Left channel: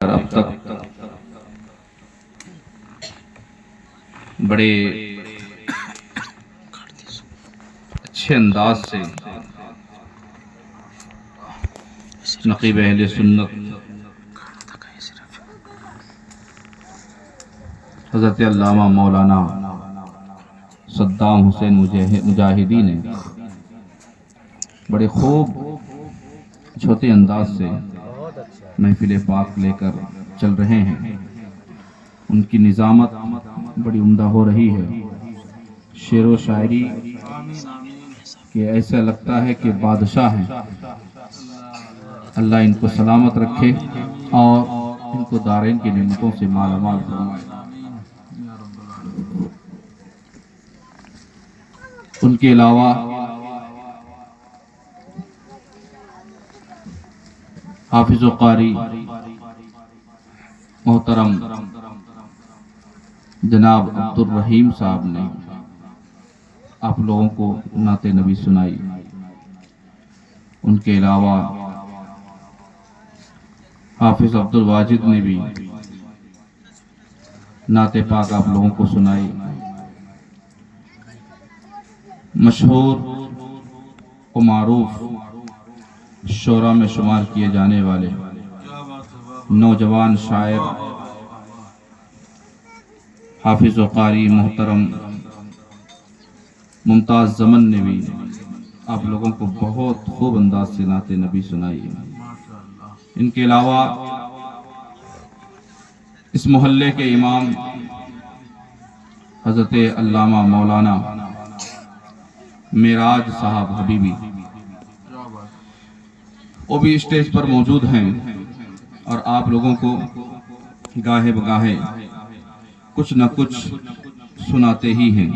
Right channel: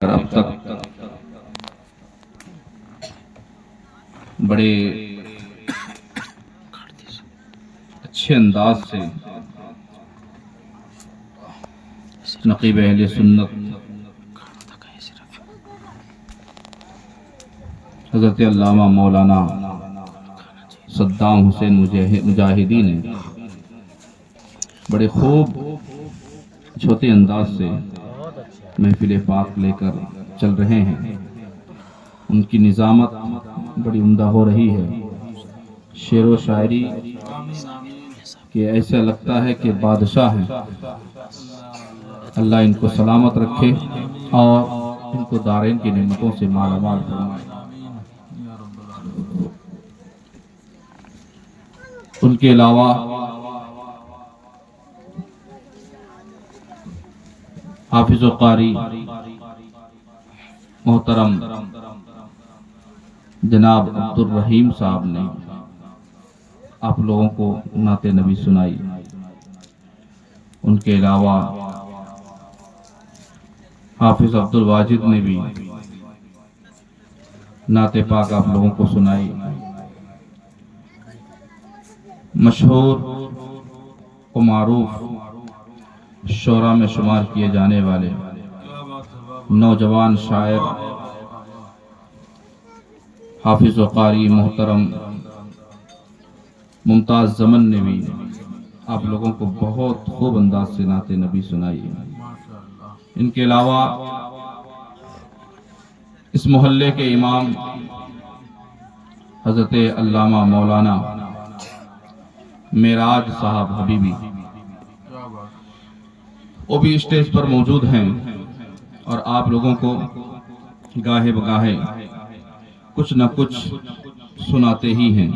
اب تک بڑے اچھے انداز سے نقیب اہل سنت حضرت علامہ مولانا صدام حسین مجاہدی نے بڑے خوب چھوٹے انداز سے محفل پاک لے کر چل رہے ہیں. ان کی نظامت بڑی عمدہ ہو رہی ہے. شعر و شاعری کہ ایسا لگتا ہے کہ بادشاہ ہیں. اللہ ان کو سلامت رکھے اور ان کو دارین کی نعمتوں سے مالا مال فرمائے. ان کے علاوہ حافظ و قاری محترم جناب عبد الرحیم صاحب نے آپ لوگوں کو نعت نبی سنائی. ان کے علاوہ حافظ عبد الواجد نے بھی نعت پاک آپ لوگوں کو سنائی. مشہور و معروف شعراء میں شمار کیے جانے والے نوجوان شاعر حافظ و قاری محترم ممتاز زمن نے بھی آپ لوگوں کو بہت خوب انداز سے نعت نبی سنائی. ان کے علاوہ اس محلے کے امام حضرت علامہ مولانا معراج صاحب حبیبی وہ بھی اسٹیج پر موجود ہیں اور آپ لوگوں کو گاہے بگاہے کچھ نہ کچھ سناتے ہی ہیں.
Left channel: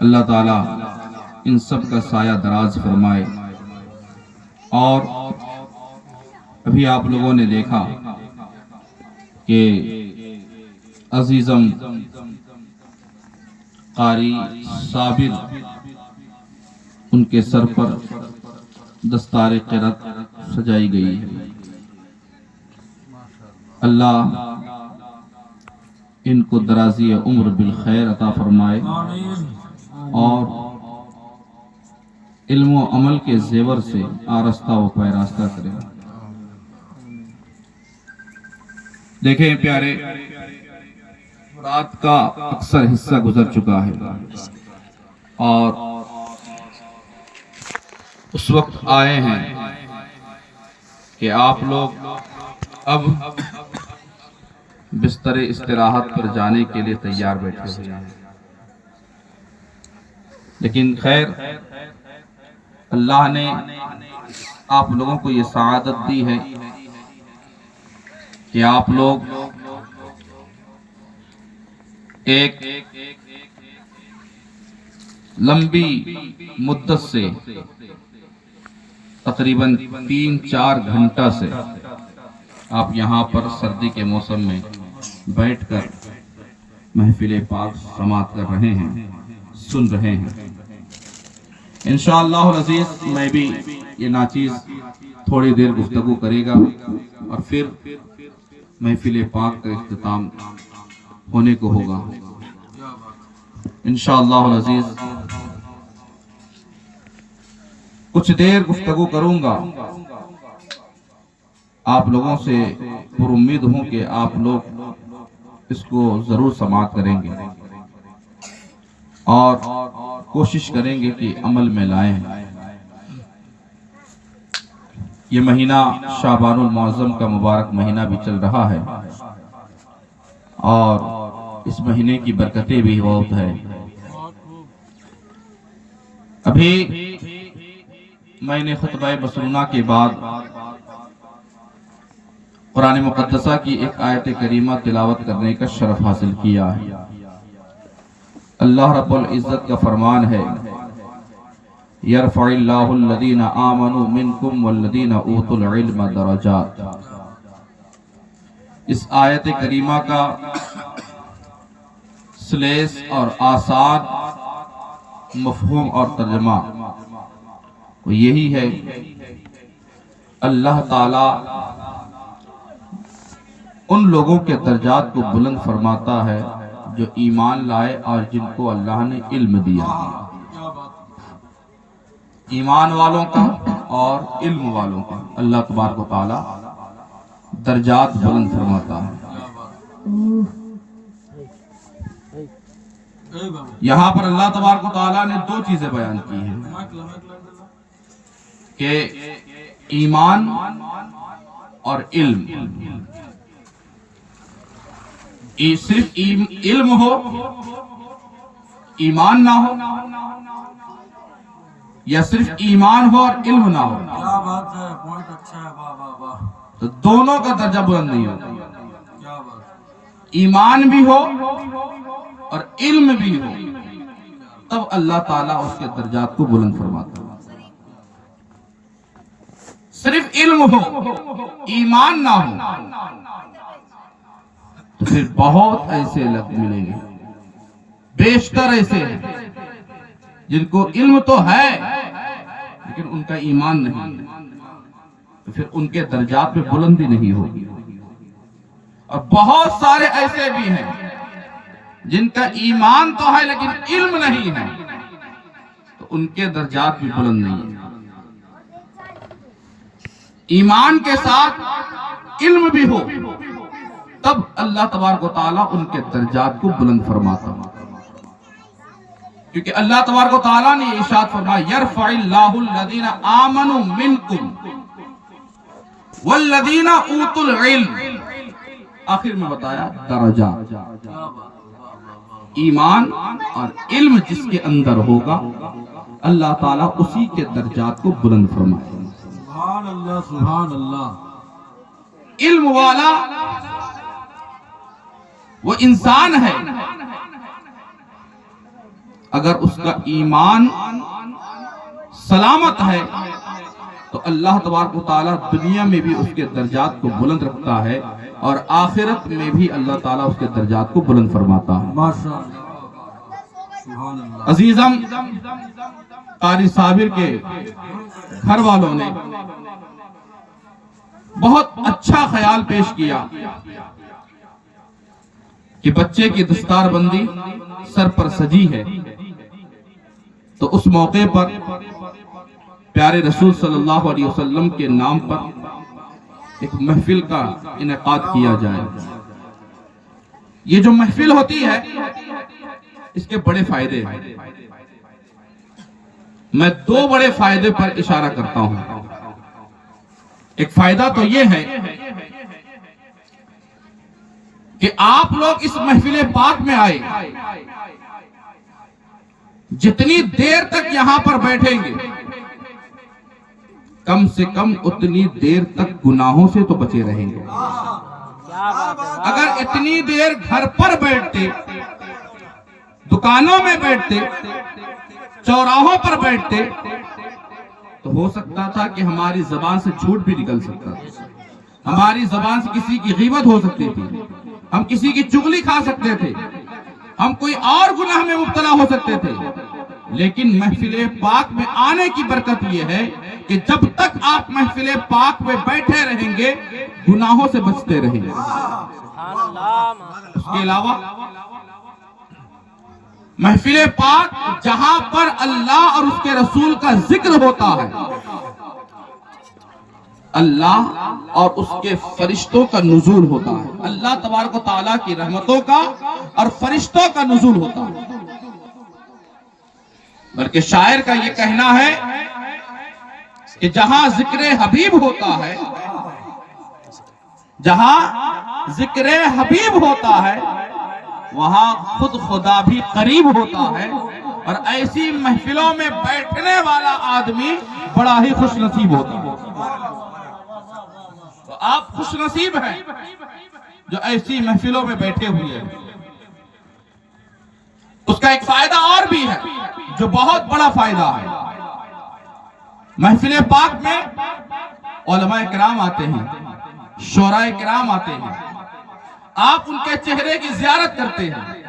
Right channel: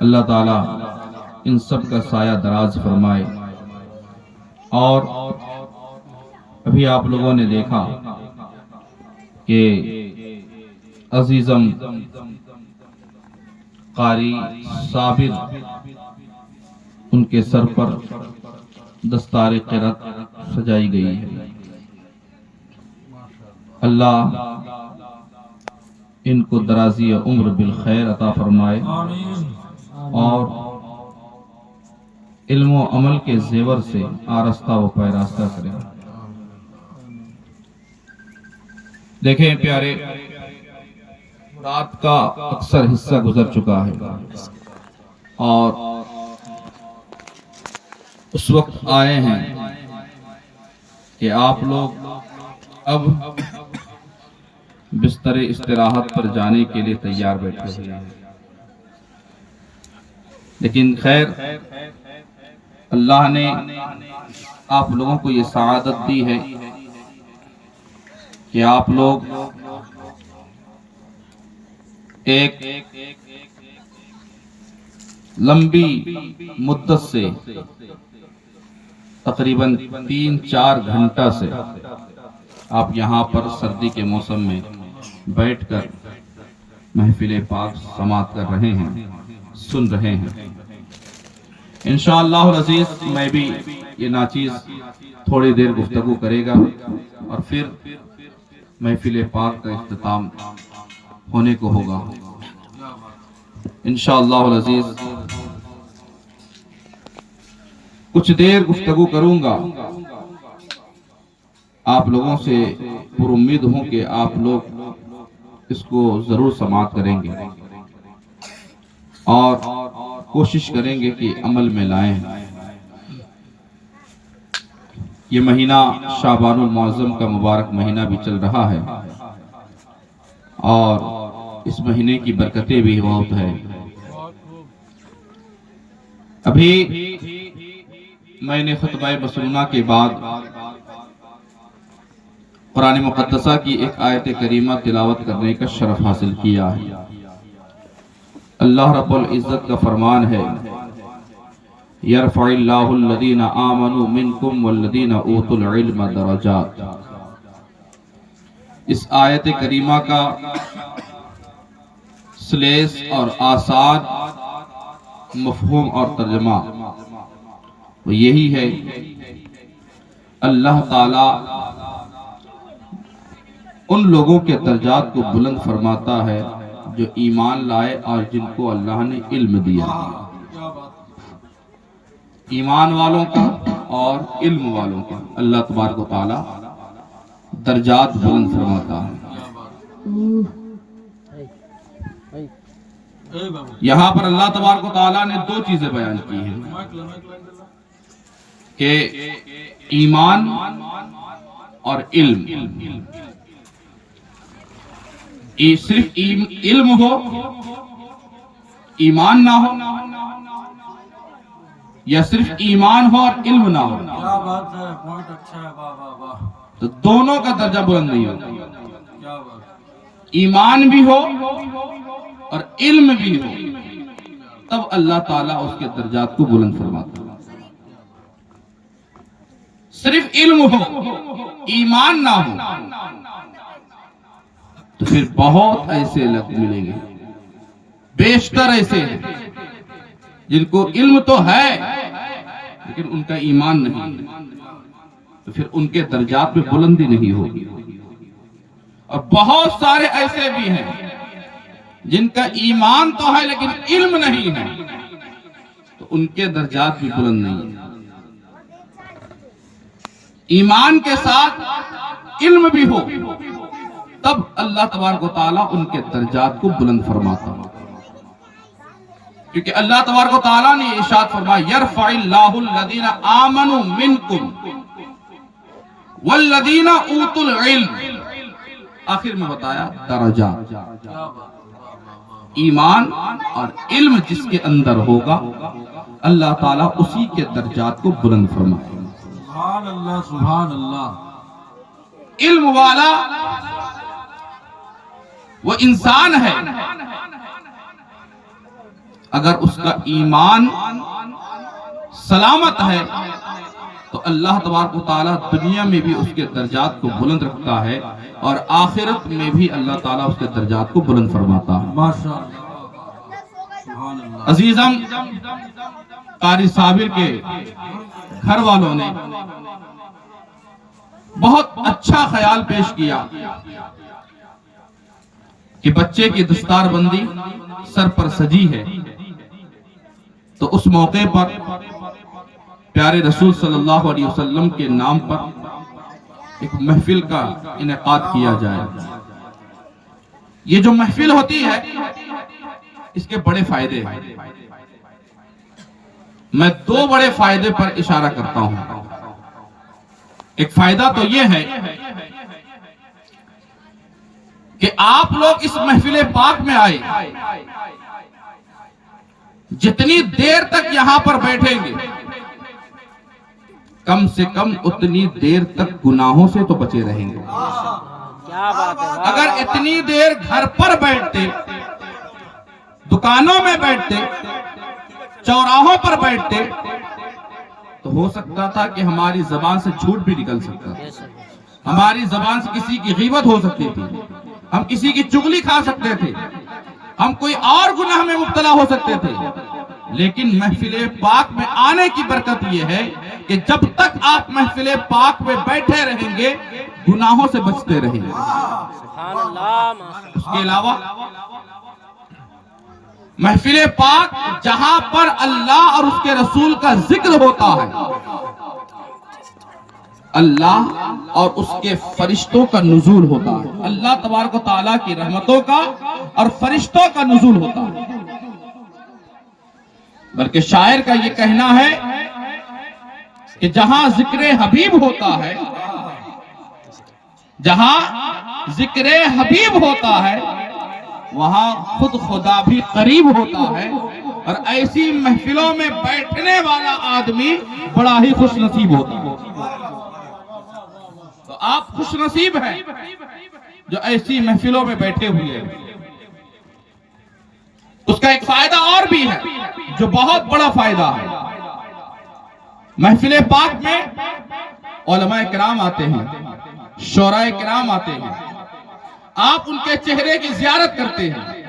اللہ تعالیٰ ان سب کا سایہ دراز فرمائے. اور ابھی آپ لوگوں نے دیکھا کہ عزیزم قاری صابر ان کے سر پر دستار قرأت سجائی گئی ہے. اللہ ان کو درازی عمر بالخیر عطا فرمائے اور علم و عمل کے زیور سے آرستہ و پیراستہ کرے. دیکھیں پیارے، رات کا اکثر حصہ گزر چکا ہے اور اس وقت آئے ہیں کہ آپ لوگ اب بستر استراحت پر جانے کے لیے تیار بیٹھے ہوئے ہیں. لیکن خیر، اللہ نے آپ لوگوں کو یہ سعادت دی ہے کہ آپ لوگ ایک لمبی مدت سے تقریباً 3-4 گھنٹہ سے آپ یہاں پر سردی کے موسم میں بیٹھ کر محفل پاک سماعت کر رہے ہیں، سن رہے ہیں. انشاءاللہ العزیز میں بھی یہ ناچیز تھوڑی دیر گفتگو کرے گا اور پھر محفل پاک کا اختتام ہونے کو ہوگا. انشاءاللہ العزیز کچھ دیر گفتگو کروں گا. آپ لوگوں سے پر امید ہوں کہ آپ لوگ اس کو ضرور سماعت کریں گے اور کوشش کریں گے کہ عمل میں لائیں. یہ مہینہ شعبان المعظم کا مبارک مہینہ بھی چل رہا ہے اور اس مہینے کی برکتیں بھی بہت ہے. ابھی میں نے خطبہ مسنونہ کے بعد قرآن مقدسہ کی ایک آیت کریمہ تلاوت کرنے کا شرف حاصل کیا ہے. اللہ رب العزت کا فرمان ہے، يَرْفَعِ اللَّهُ الَّذِينَ آمَنُوا مِنْكُمْ وَالَّذِينَ أُوتُوا الْعِلْمَ دَرَجَاتٍ. اس آیت کریمہ کا سلیس اور آسان مفہوم اور ترجمہ یہی ہے، اللہ تعالی ان لوگوں کے درجات کو بلند فرماتا ہے جو ایمان لائے اور جن کو اللہ نے علم دیا. ایمان والوں کا اور علم والوں کا اللہ تبارک و تعالی درجات بلند فرماتا ہے. یہاں پر اللہ تبارک و تعالی نے دو چیزیں بیان کی ہیں کہ ایمان اور علم. صرف علم ہو ایمان نہ ہو یا صرف ایمان ہو اور علم نہ ہو. کیا بات ہے، پوائنٹ اچھا ہے، واہ واہ واہ. تو دونوں کا درجہ بلند نہیں ہوتا. کیا بات. ایمان بھی ہو اور علم بھی ہو تب اللہ تعالیٰ اس کے درجات کو بلند فرماتا ہے. صرف علم ہو ایمان نہ ہو تو پھر بہت ایسے لوگ ملیں گے، بیشتر ایسے ہیں جن کو علم تو ہے لیکن ان کا ایمان نہیں، تو پھر ان کے درجات میں بلندی نہیں ہوگی. اور بہت سارے ایسے بھی ہیں جن کا ایمان تو ہے لیکن علم نہیں ہے، تو ان کے درجات بھی بلند نہیں ہیں. ایمان کے ساتھ علم بھی ہو تب اللہ تبارک و تعالیٰ ان کے درجات کو بلند فرماتا ہے. کیونکہ اللہ تبارک و تعالیٰ نے ارشاد فرمایا یرفع اللہ الذین آمنوا منکم والذین اوتوا العلم. آخر میں بتایا درجات. ایمان اور علم جس کے اندر ہوگا اللہ تعالیٰ اسی کے درجات کو بلند فرمائے. سبحان اللہ سبحان اللہ. علم والا وہ انسان ہے، اگر اس کا ایمان سلامت ہے تو اللہ تبارک و تعالیٰ دنیا میں بھی اس کے درجات کو بلند رکھتا ہے اور آخرت میں بھی اللہ تعالیٰ اس کے درجات کو بلند فرماتا ہے. ماشاء اللہ سبحان اللہ. عزیزم قاری صابر کے گھر والوں نے بہت اچھا خیال پیش کیا کہ بچے کی دستار بندی سر پر سجی ہے تو اس موقع پر پیارے رسول صلی اللہ علیہ وسلم کے نام پر ایک محفل کا انعقاد کیا جائے. یہ جو محفل ہوتی ہے اس کے بڑے فائدے ہیں. میں دو بڑے فائدے پر اشارہ کرتا ہوں. ایک فائدہ تو یہ ہے کہ آپ لوگ اس محفل پاک میں آئے، جتنی دیر تک یہاں پر بیٹھیں گے کم سے کم اتنی دیر تک گناہوں سے تو بچے رہیں گے. اگر اتنی دیر گھر پر بیٹھتے، دکانوں میں بیٹھتے، چوراہوں پر بیٹھتے تو ہو سکتا تھا کہ ہماری زبان سے جھوٹ بھی نکل سکتا تھا، ہماری زبان سے کسی کی غیبت ہو سکتی تھی، ہم کسی کی چغلی کھا سکتے تھے، ہم کوئی اور گناہ میں مبتلا ہو سکتے تھے. لیکن محفل پاک میں آنے کی برکت یہ ہے کہ جب تک آپ محفل پاک میں بیٹھے رہیں گے گناہوں سے بچتے رہیں گے. اس کے علاوہ محفل پاک جہاں پر اللہ اور اس کے رسول کا ذکر ہوتا ہے اللہ اور اس کے فرشتوں کا نزول ہوتا ہے. اللہ تبارک و تعالیٰ کی رحمتوں کا اور فرشتوں کا نزول ہوتا ہے. بلکہ شاعر کا یہ کہنا ہے کہ جہاں ذکر حبیب ہوتا ہے، جہاں ذکر حبیب ہوتا ہے وہاں خود خدا بھی قریب ہوتا ہے. اور ایسی محفلوں میں بیٹھنے والا آدمی بڑا ہی خوش نصیب ہوتا ہے. تو آپ خوش نصیب ہیں جو ایسی محفلوں میں بیٹھے ہوئے ہیں. اس کا ایک فائدہ اور بھی ہے جو بہت بڑا فائدہ ہے. محفل پاک میں علماء کرام آتے ہیں، شعراء کرام آتے ہیں، آپ ان کے چہرے کی زیارت کرتے ہیں،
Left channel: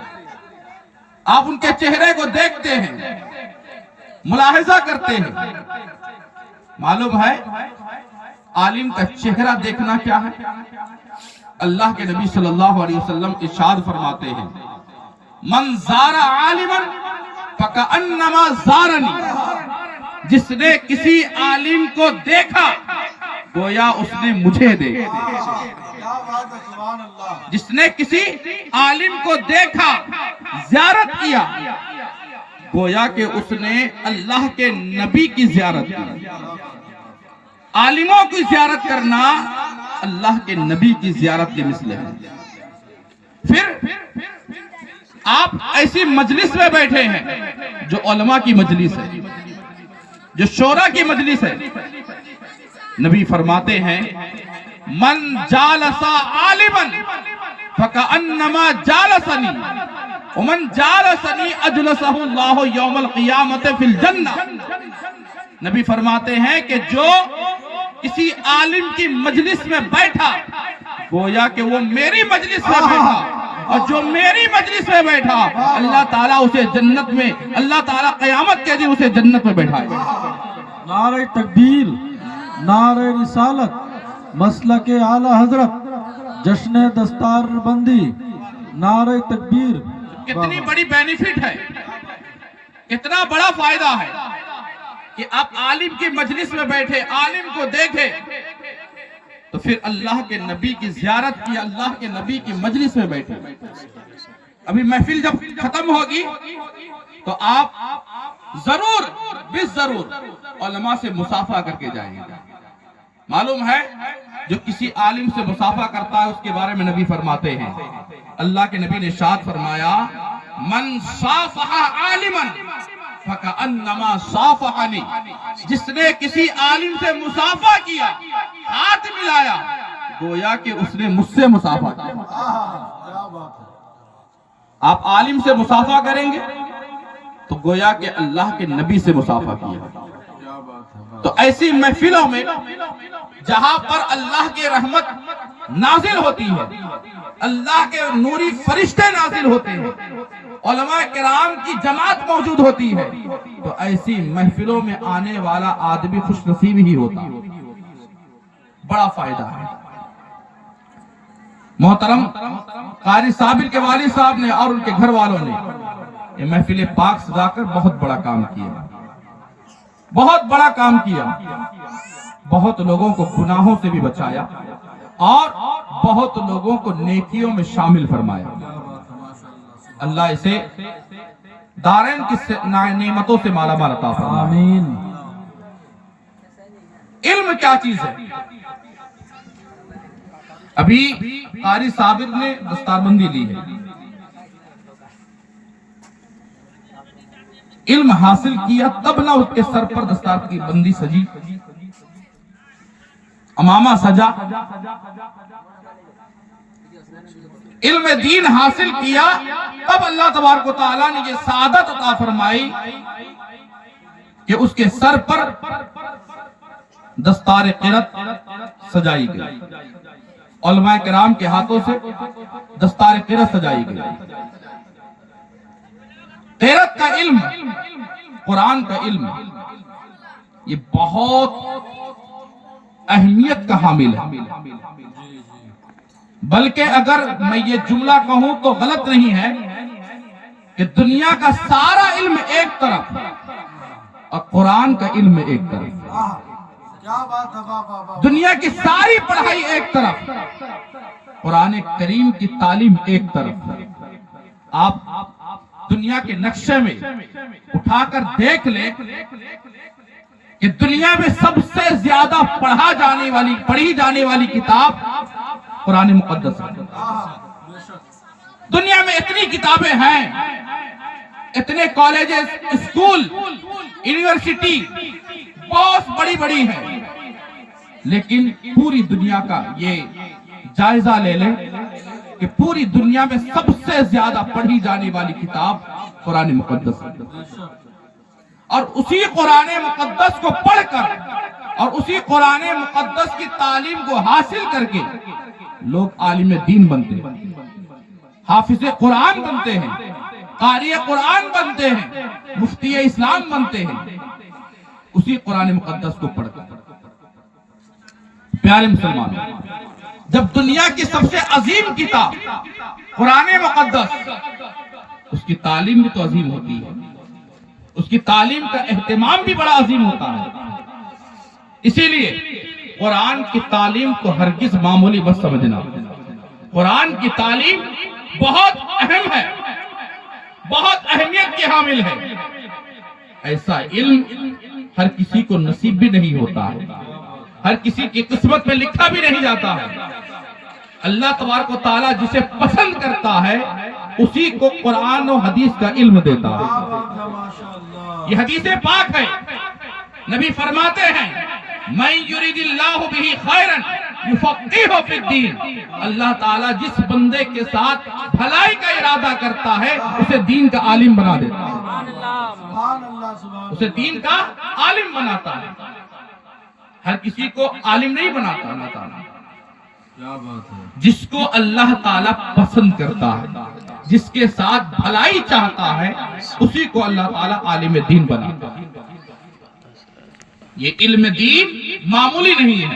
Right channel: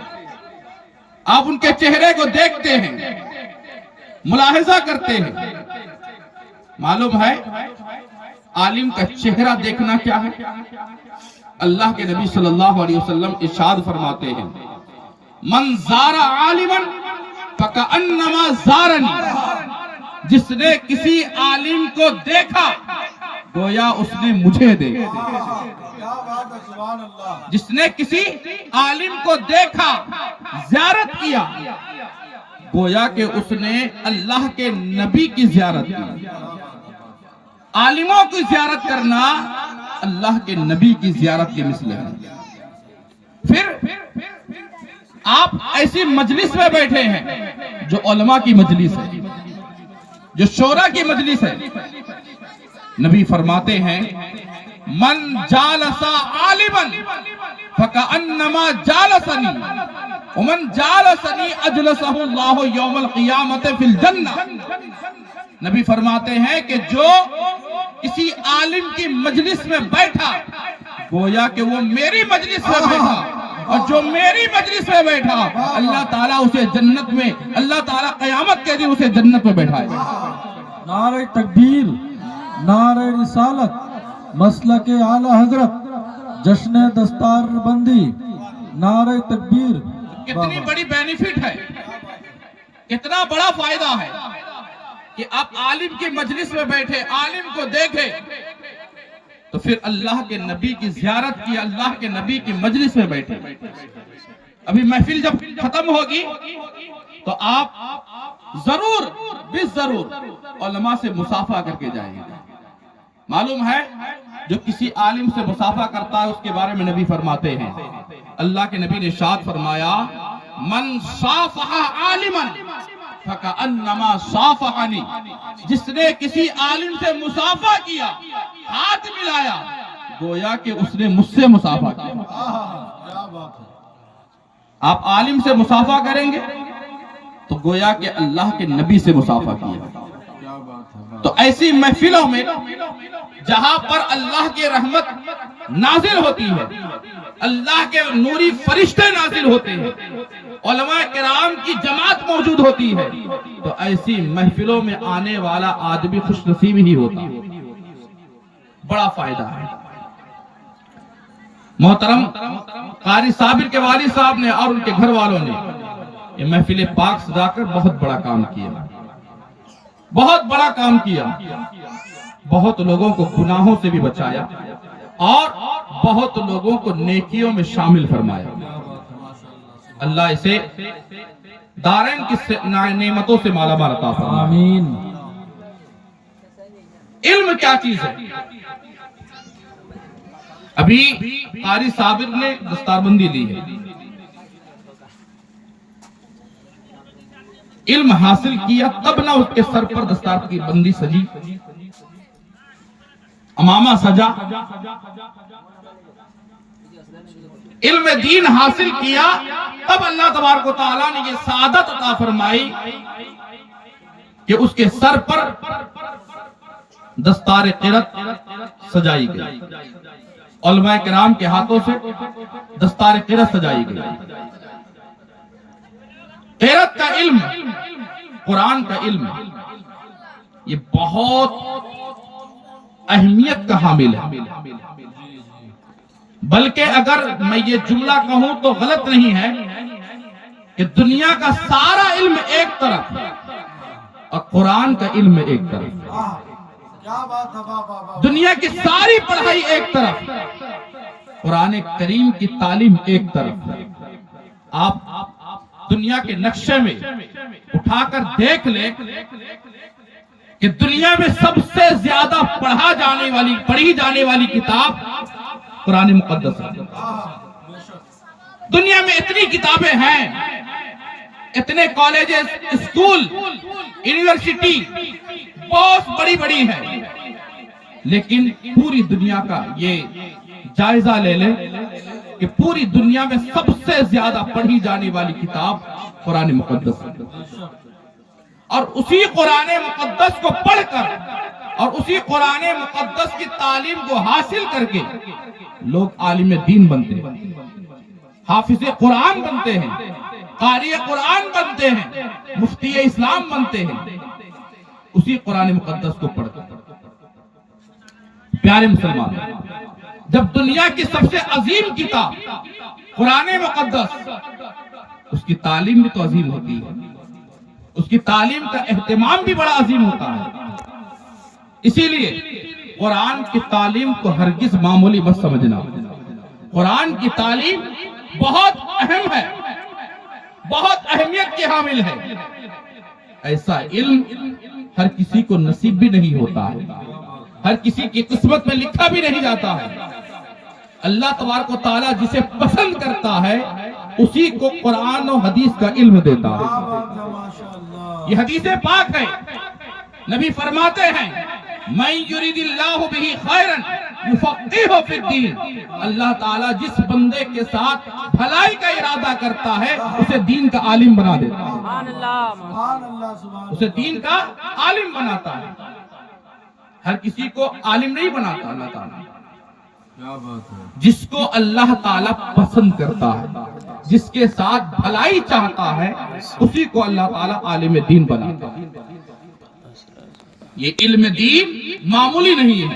آپ ان کے چہرے کو دیکھتے ہیں، ملاحظہ کرتے ہیں. معلوم ہے عالم کا چہرہ دیکھنا کیا ہے؟ اللہ کے نبی صلی اللہ علیہ وسلم ارشاد فرماتے ہیں من زار عالما فکأنما زارنی، جس نے کسی عالم کو دیکھا گویا اس نے مجھے دیکھا۔ جس نے کسی عالم کو دیکھا، زیارت کیا، گویا کہ اس نے اللہ کے نبی کی زیارت کی۔ عالموں کی زیارت کرنا اللہ کے نبی کی زیارت کے مثل ہے۔ پھر آپ ایسی مجلس میں بیٹھے ہیں جو علماء کی مجلس ہے، جو شورا کی مجلس ہے، نبی فرماتے ہیں من جالس عالما فکأنما جالسنی ومن جالسنی اجلسہ اللہ یوم القیامت فی الجنہ۔ نبی فرماتے ہیں کہ جو کسی عالم کی مجلس میں بیٹھا گویا کہ وہ میری مجلس میں بیٹھا، اور جو میری مجلس میں بیٹھا اللہ تعالیٰ اسے جنت میں، اللہ تعالیٰ قیامت کے دن اسے جنت میں بیٹھائے گا۔ نعرہ تکبیر، نعرہ رسالت، مسلک اعلی حضرت، جشن دستار بندی، نعرہ تکبیر۔ کتنی بڑی بینیفٹ ہے، کتنا بڑا فائدہ ہے کہ آپ عالم کی مجلس میں بیٹھے، عالم کو دیکھے تو پھر اللہ کے نبی کی زیارت کی، اللہ کے نبی کی مجلس میں بیٹھے۔ ابھی محفل جب ختم ہوگی تو آپ ضرور ضرور علماء سے مصافحہ کر کے جائیں گے۔ معلوم ہے جو کسی عالم سے مصافحہ کرتا ہے اس کے بارے میں نبی فرماتے ہیں، اللہ کے نبی نے ارشاد فرمایا من صافح عالما فکأنما صافحنی، جس نے کسی عالم سے مصافحہ کیا، ہاتھ ملایا، گویا کہ اس نے مجھ سے مصافحہ کیا۔ آپ عالم سے مصافحہ کریں گے تو گویا کہ اللہ کے نبی سے مصافحہ کیا۔ تو ایسی محفلوں میں جہاں پر اللہ کی رحمت نازل ہوتی ہے، اللہ کے نوری فرشتے نازل ہوتے ہیں، علماء کرام کی جماعت موجود ہوتی ہے، تو ایسی محفلوں میں آنے والا آدمی خوش نصیب ہی ہوتا ہے، بڑا فائدہ ہے۔ محترم قاری صابر کے والد صاحب نے اور ان کے گھر والوں نے یہ محفل پاک سجا کر بہت بڑا کام کیا، بہت بڑا کام کیا، بہت لوگوں کو گناہوں سے بھی بچایا اور بہت لوگوں کو نیکیوں میں شامل فرمایا۔ اللہ اسے دارین کی نعمتوں سے مالا مال عطا فرمائے۔ آمین۔ علم کیا چیز ہے؟ ابھی قاری صابر نے دستار بندی لی ہے، علم حاصل کیا تب نہ اس کے سر پر دستار کی بندی سجی، امامہ سجا۔ علم دین حاصل کیا تب اللہ تبارک و تعالیٰ نے یہ سعادت عطا فرمائی کہ اس کے سر پر دستار قرت سجائی گئی، علماء کرام کے ہاتھوں سے دستار قرت سجائی گئی۔ قرت کا علم، قرآن کا علم، یہ بہت اہمیت کا حامل ہے، بلکہ اگر میں یہ جملہ کہوں تو غلط نہیں ہے کہ دنیا کا سارا علم ایک طرف اور قرآن کا علم ایک طرف، دنیا کی ساری پڑھائی ایک طرف، قرآن کریم کی تعلیم ایک طرف۔ آپ دنیا کے نقشے میں اٹھا کر دیکھ لیں کہ دنیا میں سب سے زیادہ پڑھی جانے والی کتاب قرآن مقدس ہے۔ دنیا میں اتنی کتابیں ہیں، اتنے کالجز، اسکول، یونیورسٹی بہت بڑی بڑی ہیں، لیکن پوری دنیا کا یہ جائزہ لے لیں کہ پوری دنیا میں سب سے زیادہ پڑھی جانے والی کتاب قرآن مقدس ہے۔ اور اسی قرآن مقدس کو پڑھ کر اور اسی قرآن مقدس کی تعلیم کو حاصل کر کے لوگ عالم دین بنتے ہیں، حافظ قرآن بنتے ہیں، قاری قرآن بنتے ہیں، مفتی اسلام بنتے ہیں، اسی قرآن مقدس کو پڑھ کر۔ پیارے مسلمانوں، جب دنیا کی سب سے عظیم کتاب قرآن مقدس، اس کی تعلیم بھی تو عظیم ہوتی ہے، اس کی تعلیم کا اہتمام بھی بڑا عظیم ہوتا ہے۔ اسی لیے قرآن کی تعلیم کو ہرگز معمولی مت سمجھنا۔ قرآن کی تعلیم بہت اہم ہے، بہت اہمیت کی حامل ہے۔ ایسا علم ہر کسی کو نصیب بھی نہیں ہوتا ہے، ہر کسی کی قسمت میں لکھا بھی نہیں جاتا ہے۔ اللہ تبارک و تعالیٰ جسے پسند کرتا ہے اسی کو قرآن و حدیث کا علم دیتا ہے۔ یہ حدیث پاک ہے، نبی فرماتے ہیں مَن یُرِدِ اللَّهُ بِهِ خَيْرًا یُفَقِّهُ فِی الدِّین۔ اللہ تعالیٰ جس بندے کے ساتھ بھلائی کا ارادہ کرتا ہے اسے دین کا عالم بنا دیتا ہے، اسے دین کا عالم بناتا ہے۔ ہر کسی کو عالم نہیں بناتا اللہ تعالیٰ، جس کو اللہ تعالیٰ پسند کرتا ہے، جس کے ساتھ بھلائی چاہتا ہے اسی کو اللہ تعالیٰ عالم دین بناتا ہے۔ یہ علم دین معمولی نہیں ہے۔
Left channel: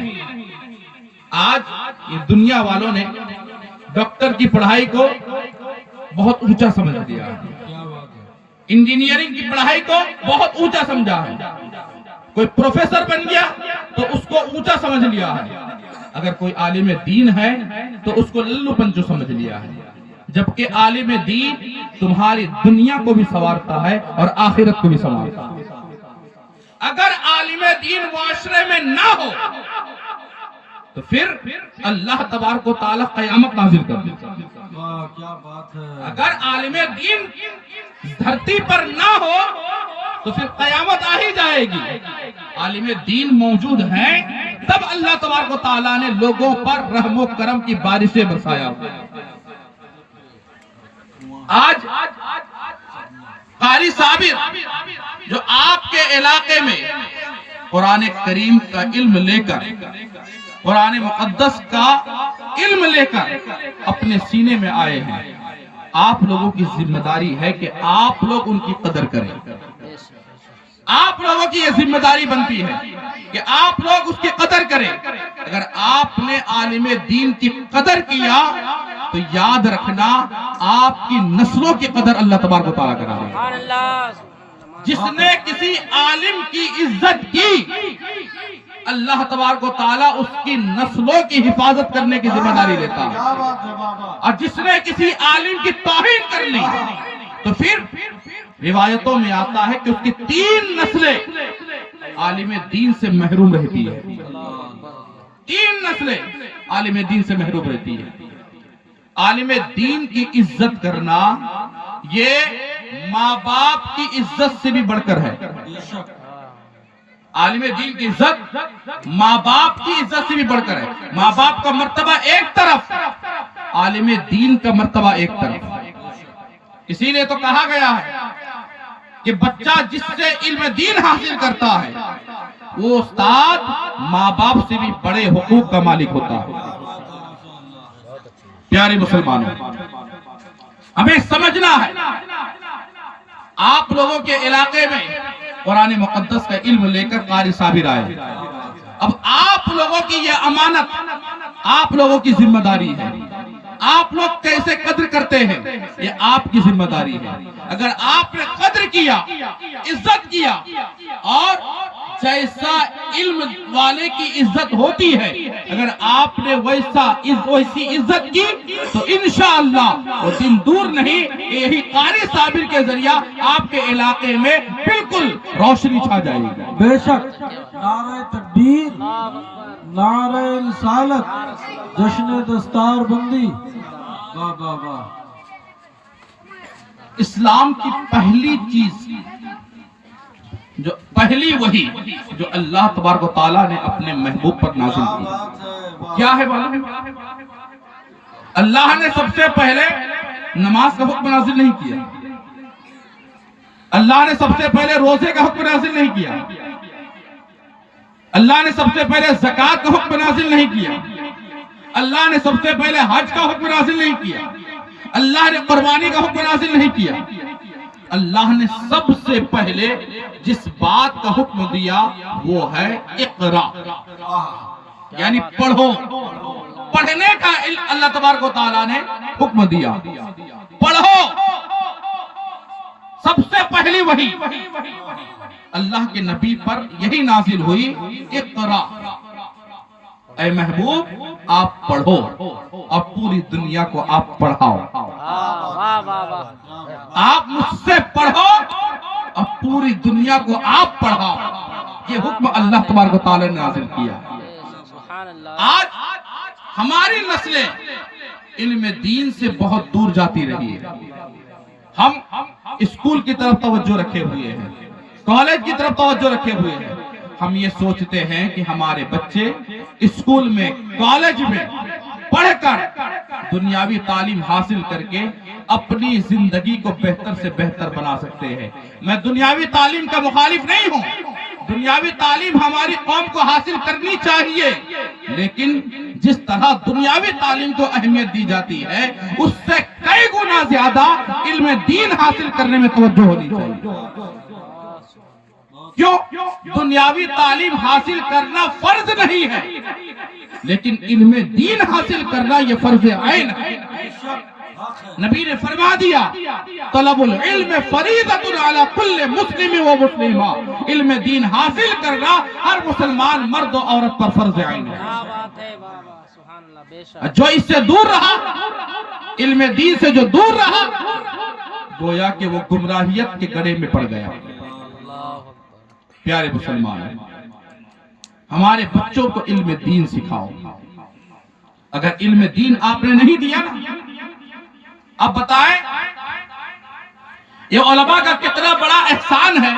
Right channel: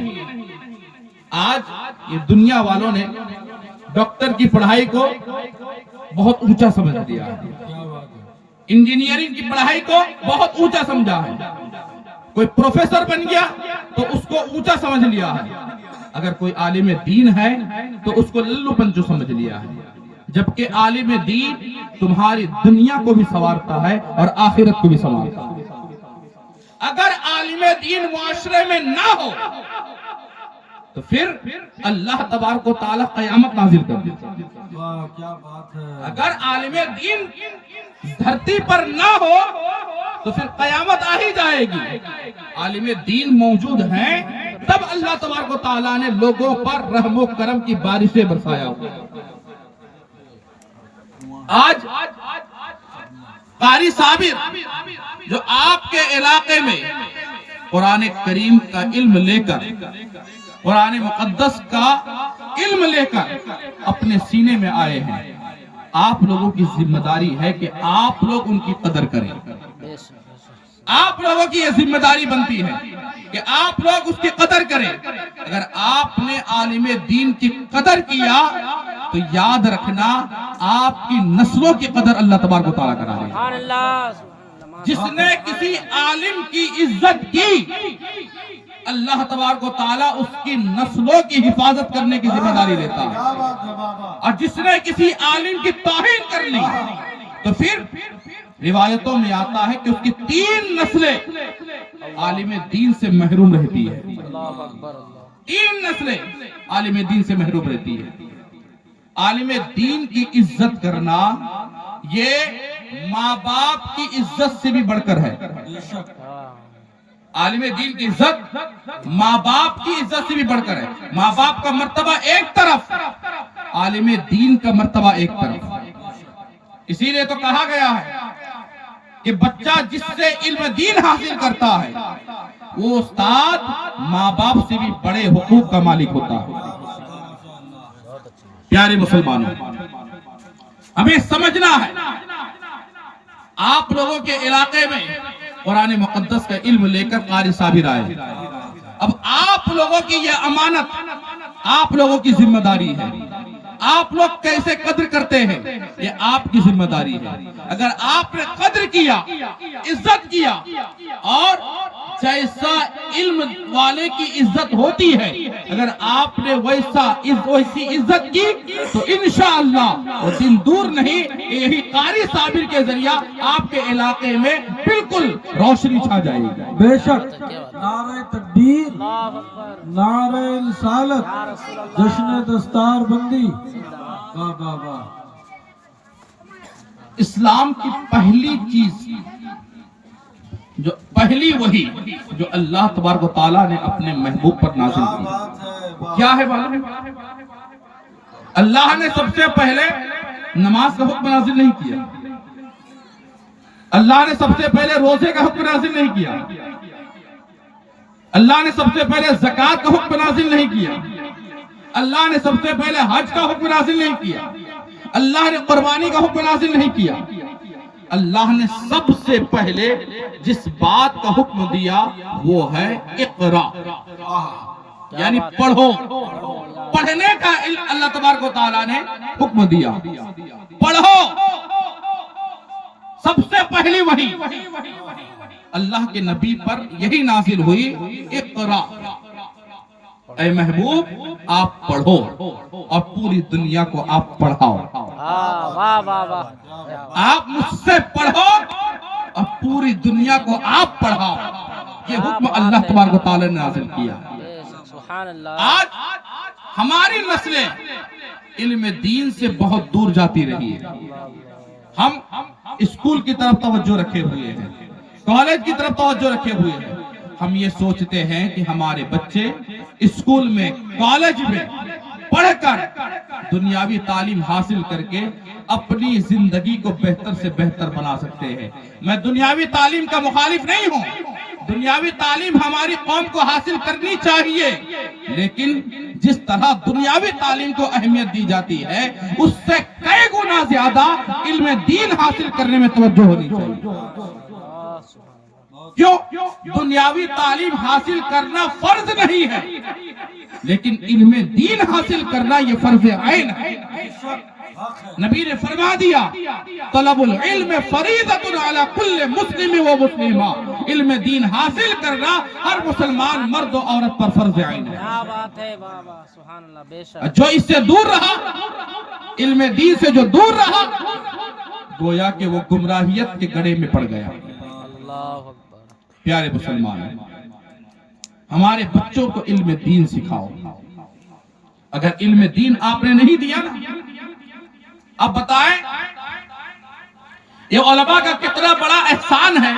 آج یہ دنیا والوں نے ڈاکٹر کی پڑھائی کو بہت اونچا سمجھ دیا ہے، انجینئرنگ کی پڑھائی کو بہت اونچا سمجھا ہے۔ کوئی پروفیسر بن گیا تو اس کو اونچا سمجھ لیا ہے، اگر کوئی عالم دین ہے تو اس کو للو پنچو سمجھ لیا ہے۔ جبکہ عالم دین تمہاری دنیا کو بھی سنوارتا ہے اور آخرت کو بھی سنوارتا ہے۔ اگر عالم دین معاشرے میں نہ ہو تو پھر اللہ تبارک و تعالیٰ قیامت نازل کر دیتا ہے۔ اگر عالم دین دھرتی پر نہ ہو تو پھر قیامت آ ہی جائے گی۔ عالم دین موجود ہیں تب اللہ تبارک و تعالیٰ نے لوگوں پر رحم و کرم کی بارشیں برسایا۔ آج قاری صابر جو آپ کے علاقے میں قرآن کریم کا علم لے کر، قرآن مقدس کا علم لے کر اپنے سینے میں آئے ہیں، آپ لوگوں کی ذمہ داری ہے کہ آپ لوگ ان کی قدر کریں۔ آپ لوگوں کی یہ ذمہ داری بنتی ہے کہ آپ لوگ اس کی قدر کریں۔ اگر آپ نے عالم دین کی قدر کیا تو یاد رکھنا آپ کی نسلوں کی قدر اللہ تبارک و تعالیٰ کرا دے۔ جس نے کسی عالم کی عزت کی اللہ تبارک و تعالیٰ اس کی نسلوں کی حفاظت کرنے کی ذمہ داری لیتا ہے، اور جس نے کسی عالم کی توہین کر لی تو پھر روایتوں میں آتا ہے کہ اس کی 3 نسلیں عالم دین سے محروم رہتی ہے۔ 3 نسلیں عالم دین سے محروم رہتی ہے۔ عالم دین کی عزت کرنا یہ ماں باپ کی عزت سے بھی بڑھ کر ہے۔ عالم دین کی عزت ماں باپ کی عزت سے بھی بڑھ کر ہے۔ ماں باپ کا مرتبہ ایک طرف، عالم دین کا مرتبہ ایک طرف۔ اسی لیے تو کہا گیا ہے کہ بچہ جس سے علم دین حاصل کرتا ہے وہ استاد ماں باپ سے بھی بڑے حقوق کا مالک ہوتا ہے۔ پیارے مسلمانوں، ہمیں سمجھنا ہے آپ لوگوں کے علاقے میں قرآن مقدس کا علم لے کر قاری صابر آئے۔ اب آپ لوگوں کی یہ امانت، آپ لوگوں کی ذمہ داری ہے۔ آپ لوگ کیسے قدر کرتے ہیں یہ آپ کی ذمہ داری ہے۔ اگر آپ نے قدر کیا، عزت کیا، اور جیسا علم والے کی عزت ہوتی ہے اگر آپ نے ویسی عزت کی تو انشاءاللہ وہ دن دور نہیں، یہی قاری صابر کے ذریعہ آپ کے علاقے میں بالکل روشنی چھا جائے گی۔ بے شک نعرہ تکبیر، نعرہ رسالت، جشن دستار بندی، واہ واہ واہ۔ اسلام کی پہلی چیز، جو پہلی وحی جو اللہ تبارک و تعالیٰ نے اپنے محبوب پر نازل کی، کیا ہے معلوم ہے؟ اللہ نے سب سے پہلے نماز کا حکم نازل نہیں کیا، اللہ نے سب سے پہلے روزے کا حکم نازل نہیں کیا، اللہ نے سب سے پہلے زکوٰۃ کا حکم نازل نہیں کیا، اللہ نے سب سے پہلے حج کا حکم نازل نہیں کیا، اللہ نے قربانی کا حکم نازل نہیں کیا۔ اللہ نے سب سے پہلے جس بات کا حکم دیا وہ ہے اقرا۔ یعنی پڑھو. پڑھنے کا اللہ تبارک و تعالیٰ نے حکم دیا. پڑھو. سب سے پہلی وحی اللہ کے نبی پر یہی نازل ہوئی, اقرا, اے محبوب آپ پڑھو اور پوری دنیا کو آپ پڑھاؤ. آپ مجھ سے پڑھو اور پوری دنیا کو آپ پڑھاؤ. یہ حکم اللہ تبارک و تعالیٰ نے نازل کیا. آج ہماری نسلیں علم دین سے بہت دور جاتی رہی ہے. ہم اسکول کی طرف توجہ رکھے ہوئے ہیں, کالج کی طرف توجہ رکھے ہوئے ہیں. ہم یہ سوچتے ہیں کہ ہمارے بچے اسکول میں, کالج میں پڑھ کر دنیاوی تعلیم حاصل کر کے اپنی زندگی کو بہتر سے بہتر بنا سکتے ہیں. میں دنیاوی تعلیم کا مخالف نہیں ہوں. دنیاوی تعلیم ہماری قوم کو حاصل کرنی چاہیے, لیکن جس طرح دنیاوی تعلیم کو اہمیت دی جاتی ہے اس سے کئی گنا زیادہ علم دین حاصل کرنے میں توجہ ہونی چاہیے. کیوں؟ دنیاوی تعلیم حاصل کرنا فرض نہیں ہے, لیکن علم دین حاصل کرنا یہ فرض عین ہے. نبی نے فرما دیا, طلب العلم فریضۃ علی کل مسلم و مسلمہ. علم دین حاصل کرنا ہر مسلمان مرد و عورت پر فرض عین ہے. جو اس سے دور رہا, علم دین سے جو دور رہا, گویا کہ وہ گمراہیت کے گڑھے میں پڑ گیا. پیارے مسلمان, ہمارے بچوں کو علم دین سکھاؤ. اگر علم دین آپ نے نہیں دیا نا, اب بتائیں یہ علماء کا کتنا بڑا احسان ہے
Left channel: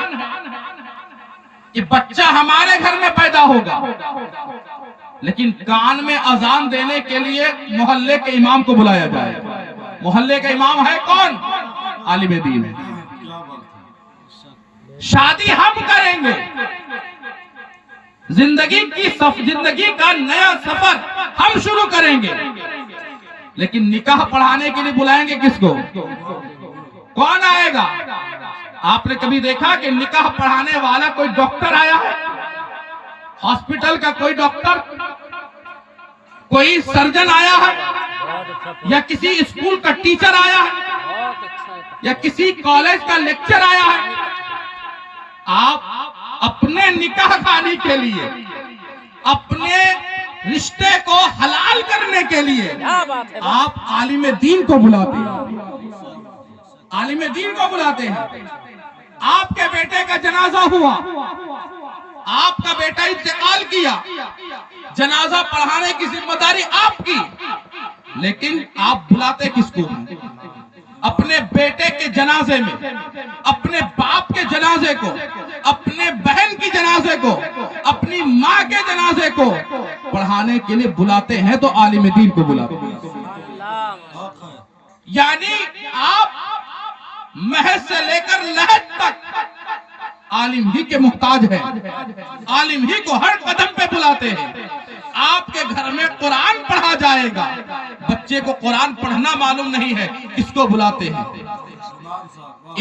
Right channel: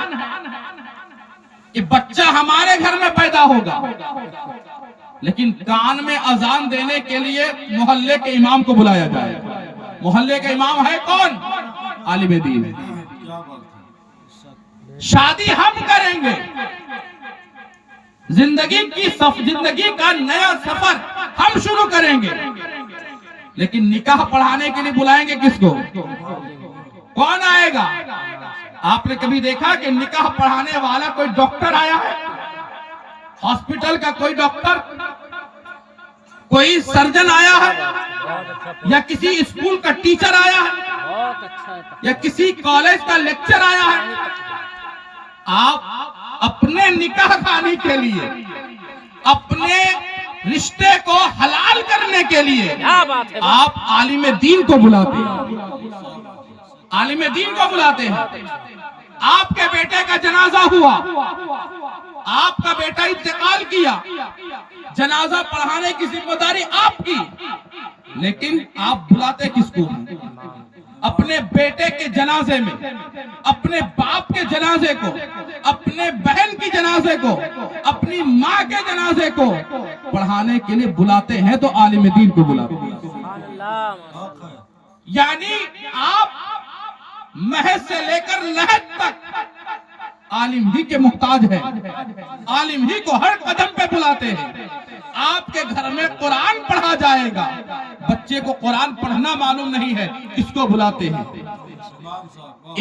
کہ بچہ ہمارے گھر میں پیدا ہوگا, لیکن کان میں اذان دینے کے لیے محلے کے امام کو بلایا جائے. محلے کا امام ہے کون؟ عالم دین ہے. شادی ہم کریں گے, زندگی کا نیا سفر ہم شروع کریں گے, لیکن نکاح پڑھانے کے لیے بلائیں گے کس کو؟ کون آئے گا؟ آپ نے کبھی دیکھا کہ نکاح پڑھانے والا کوئی ڈاکٹر آیا ہے؟ ہاسپٹل کا کوئی ڈاکٹر, کوئی سرجن آیا ہے, یا کسی اسکول کا ٹیچر آیا ہے, یا کسی کالج کا لیکچر آیا ہے؟ آپ اپنے نکاح خانی کے لیے, اپنے رشتے کو حلال کرنے کے لیے آپ عالم دین کو بلاتے ہیں. عالم دین کو بلاتے ہیں. آپ کے بیٹے کا جنازہ ہوا, آپ کا بیٹا انتقال کیا, جنازہ پڑھانے کی ذمہ داری آپ کی, لیکن آپ بلاتے کس کو ہیں؟ اپنے بیٹے کے جنازے میں, اپنے باپ کے جنازے کو, اپنے بہن کی جنازے کو, اپنی ماں کے جنازے کو پڑھانے کے لیے بلاتے ہیں تو عالم دین کو بلاتے ہیں. یعنی آپ محض سے لے کر لحد تک عالم ہی کے محتاج ہیں, عالم ہی کو ہر قدم پہ بلاتے ہیں. آپ کے گھر میں قرآن پڑھا جائے گا, بچے کو قرآن پڑھنا معلوم نہیں ہے, کس کو بلاتے ہیں؟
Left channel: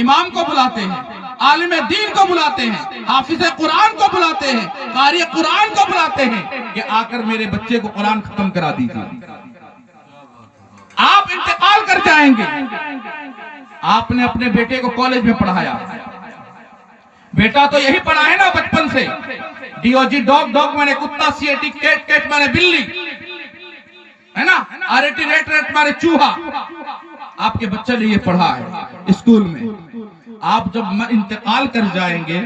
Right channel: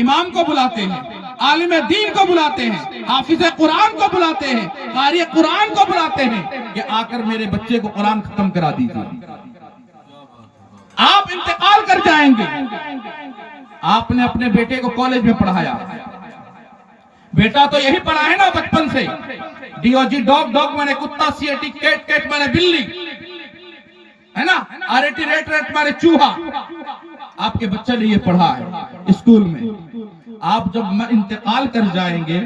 امام کو بلاتے ہیں, عالم دین کو بلاتے ہیں, حافظ قرآن کو بلاتے ہیں, قاری قرآن کو بلاتے ہیں کہ آ کر میرے بچے کو قرآن ختم کرا دیجیے. آپ انتقال کر جائیں گے, آپ نے اپنے بیٹے کو کالج میں پڑھایا, بیٹا تو یہی پڑھا ہے نا بچپن سے, D O G dog, dog میں نے کتا, C A T cat, cat میں نے بلی, ہے نا, R A T rat, rat میں نے چوہا. آپ کے بچے نے یہ پڑھا ہے اسکول میں. آپ جب انتقال کر جائیں گے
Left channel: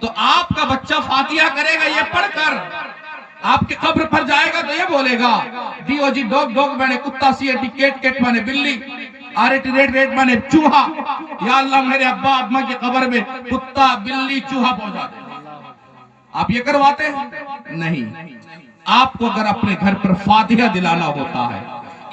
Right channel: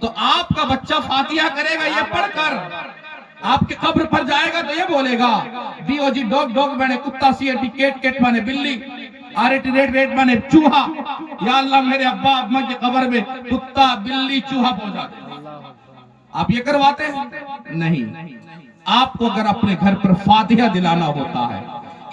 تو آپ کا بچہ فاتحہ کرے گا یہ پڑھ کر, آپ کی قبر پر جائے گا تو یہ بولے گا D O G dog, dog میں نے کتا, C A T cat, cat میں نے بلی, R A T rat, rat میں نے چوہا. یا اللہ میرے ابا اماں کی قبر میں کتا, بلی, چوہا پہنچا دے. آپ یہ کرواتے ہیں؟ نہیں. آپ کو اگر اپنے گھر پر فاتحہ دلانا ہوتا ہے,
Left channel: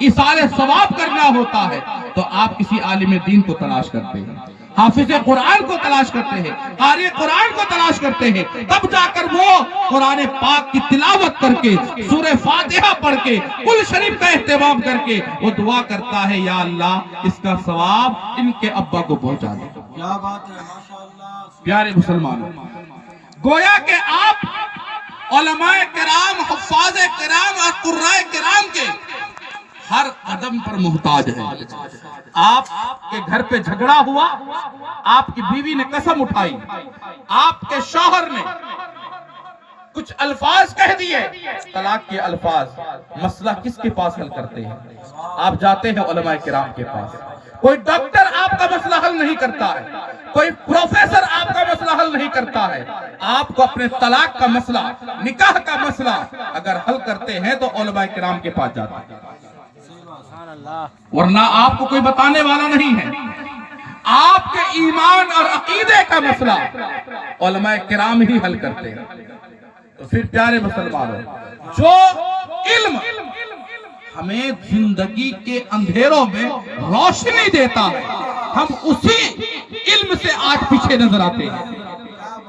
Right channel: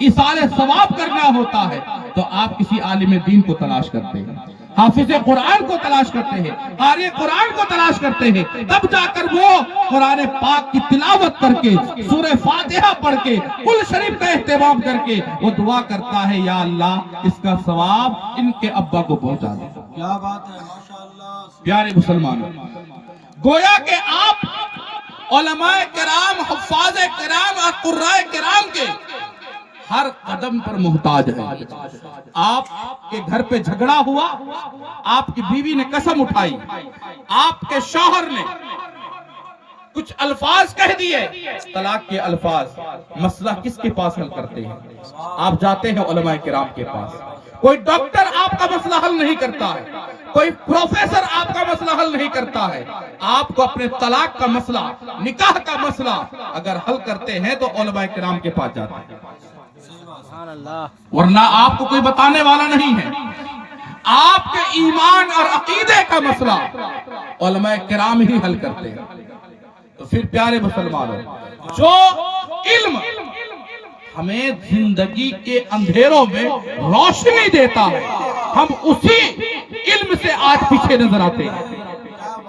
ایصال ثواب کرنا ہوتا ہے, تو آپ کسی عالم دین کو تلاش کرتے ہیں, حافظ قرآن کو تلاش کرتے ہیں, قاری قرآن کو تلاش کرتے ہیں. تب جا کر وہ قرآن پاک کی تلاوت کر کے, سورہ فاتحہ پڑھ کے, کل شریف کا اہتمام کر کے وہ دعا کرتا ہے, یا اللہ اس کا ثواب ان کے ابا کو پہنچا دے. کیا بات ہے, ماشاءاللہ. پیارے مسلمانوں, گویا کہ آپ علماء کرام، حفاظ کرام اور قرائے کرام کے ہر قدم پر محتاج ہے۔ آپ کے گھر پہ جھگڑا ہوا، آپ کی بیوی نے قسم اٹھائی، آپ کے شوہر نے کچھ الفاظ کہہ دیے، طلاق کے الفاظ، مسئلہ کس کے پاس حل کرتے ہیں؟ آپ جاتے ہیں علماء کرام کے پاس۔ کوئی ڈاکٹر آپ کا مسئلہ حل نہیں کرتا ہے، کوئی پروفیسر آپ کا مسئلہ حل نہیں کرتا ہے۔ آپ کو اپنے طلاق کا مسئلہ، نکاح کا مسئلہ اگر حل کرتے ہیں تو علماء کرام کے پاس جاتے ہیں، ورنہ آپ کو کوئی بتانے والا نہیں ہے۔ آپ کے ایمان اور عقیدے کا مسئلہ علماء کرام ہی حل کرتے ہیں۔ تو پھر پیارے مسلمانوں، جو علم ہمیں زندگی کے اندھیروں میں روشنی دیتا ہے، ہم اسی علم سے آج پیچھے نظر آتے ہیں،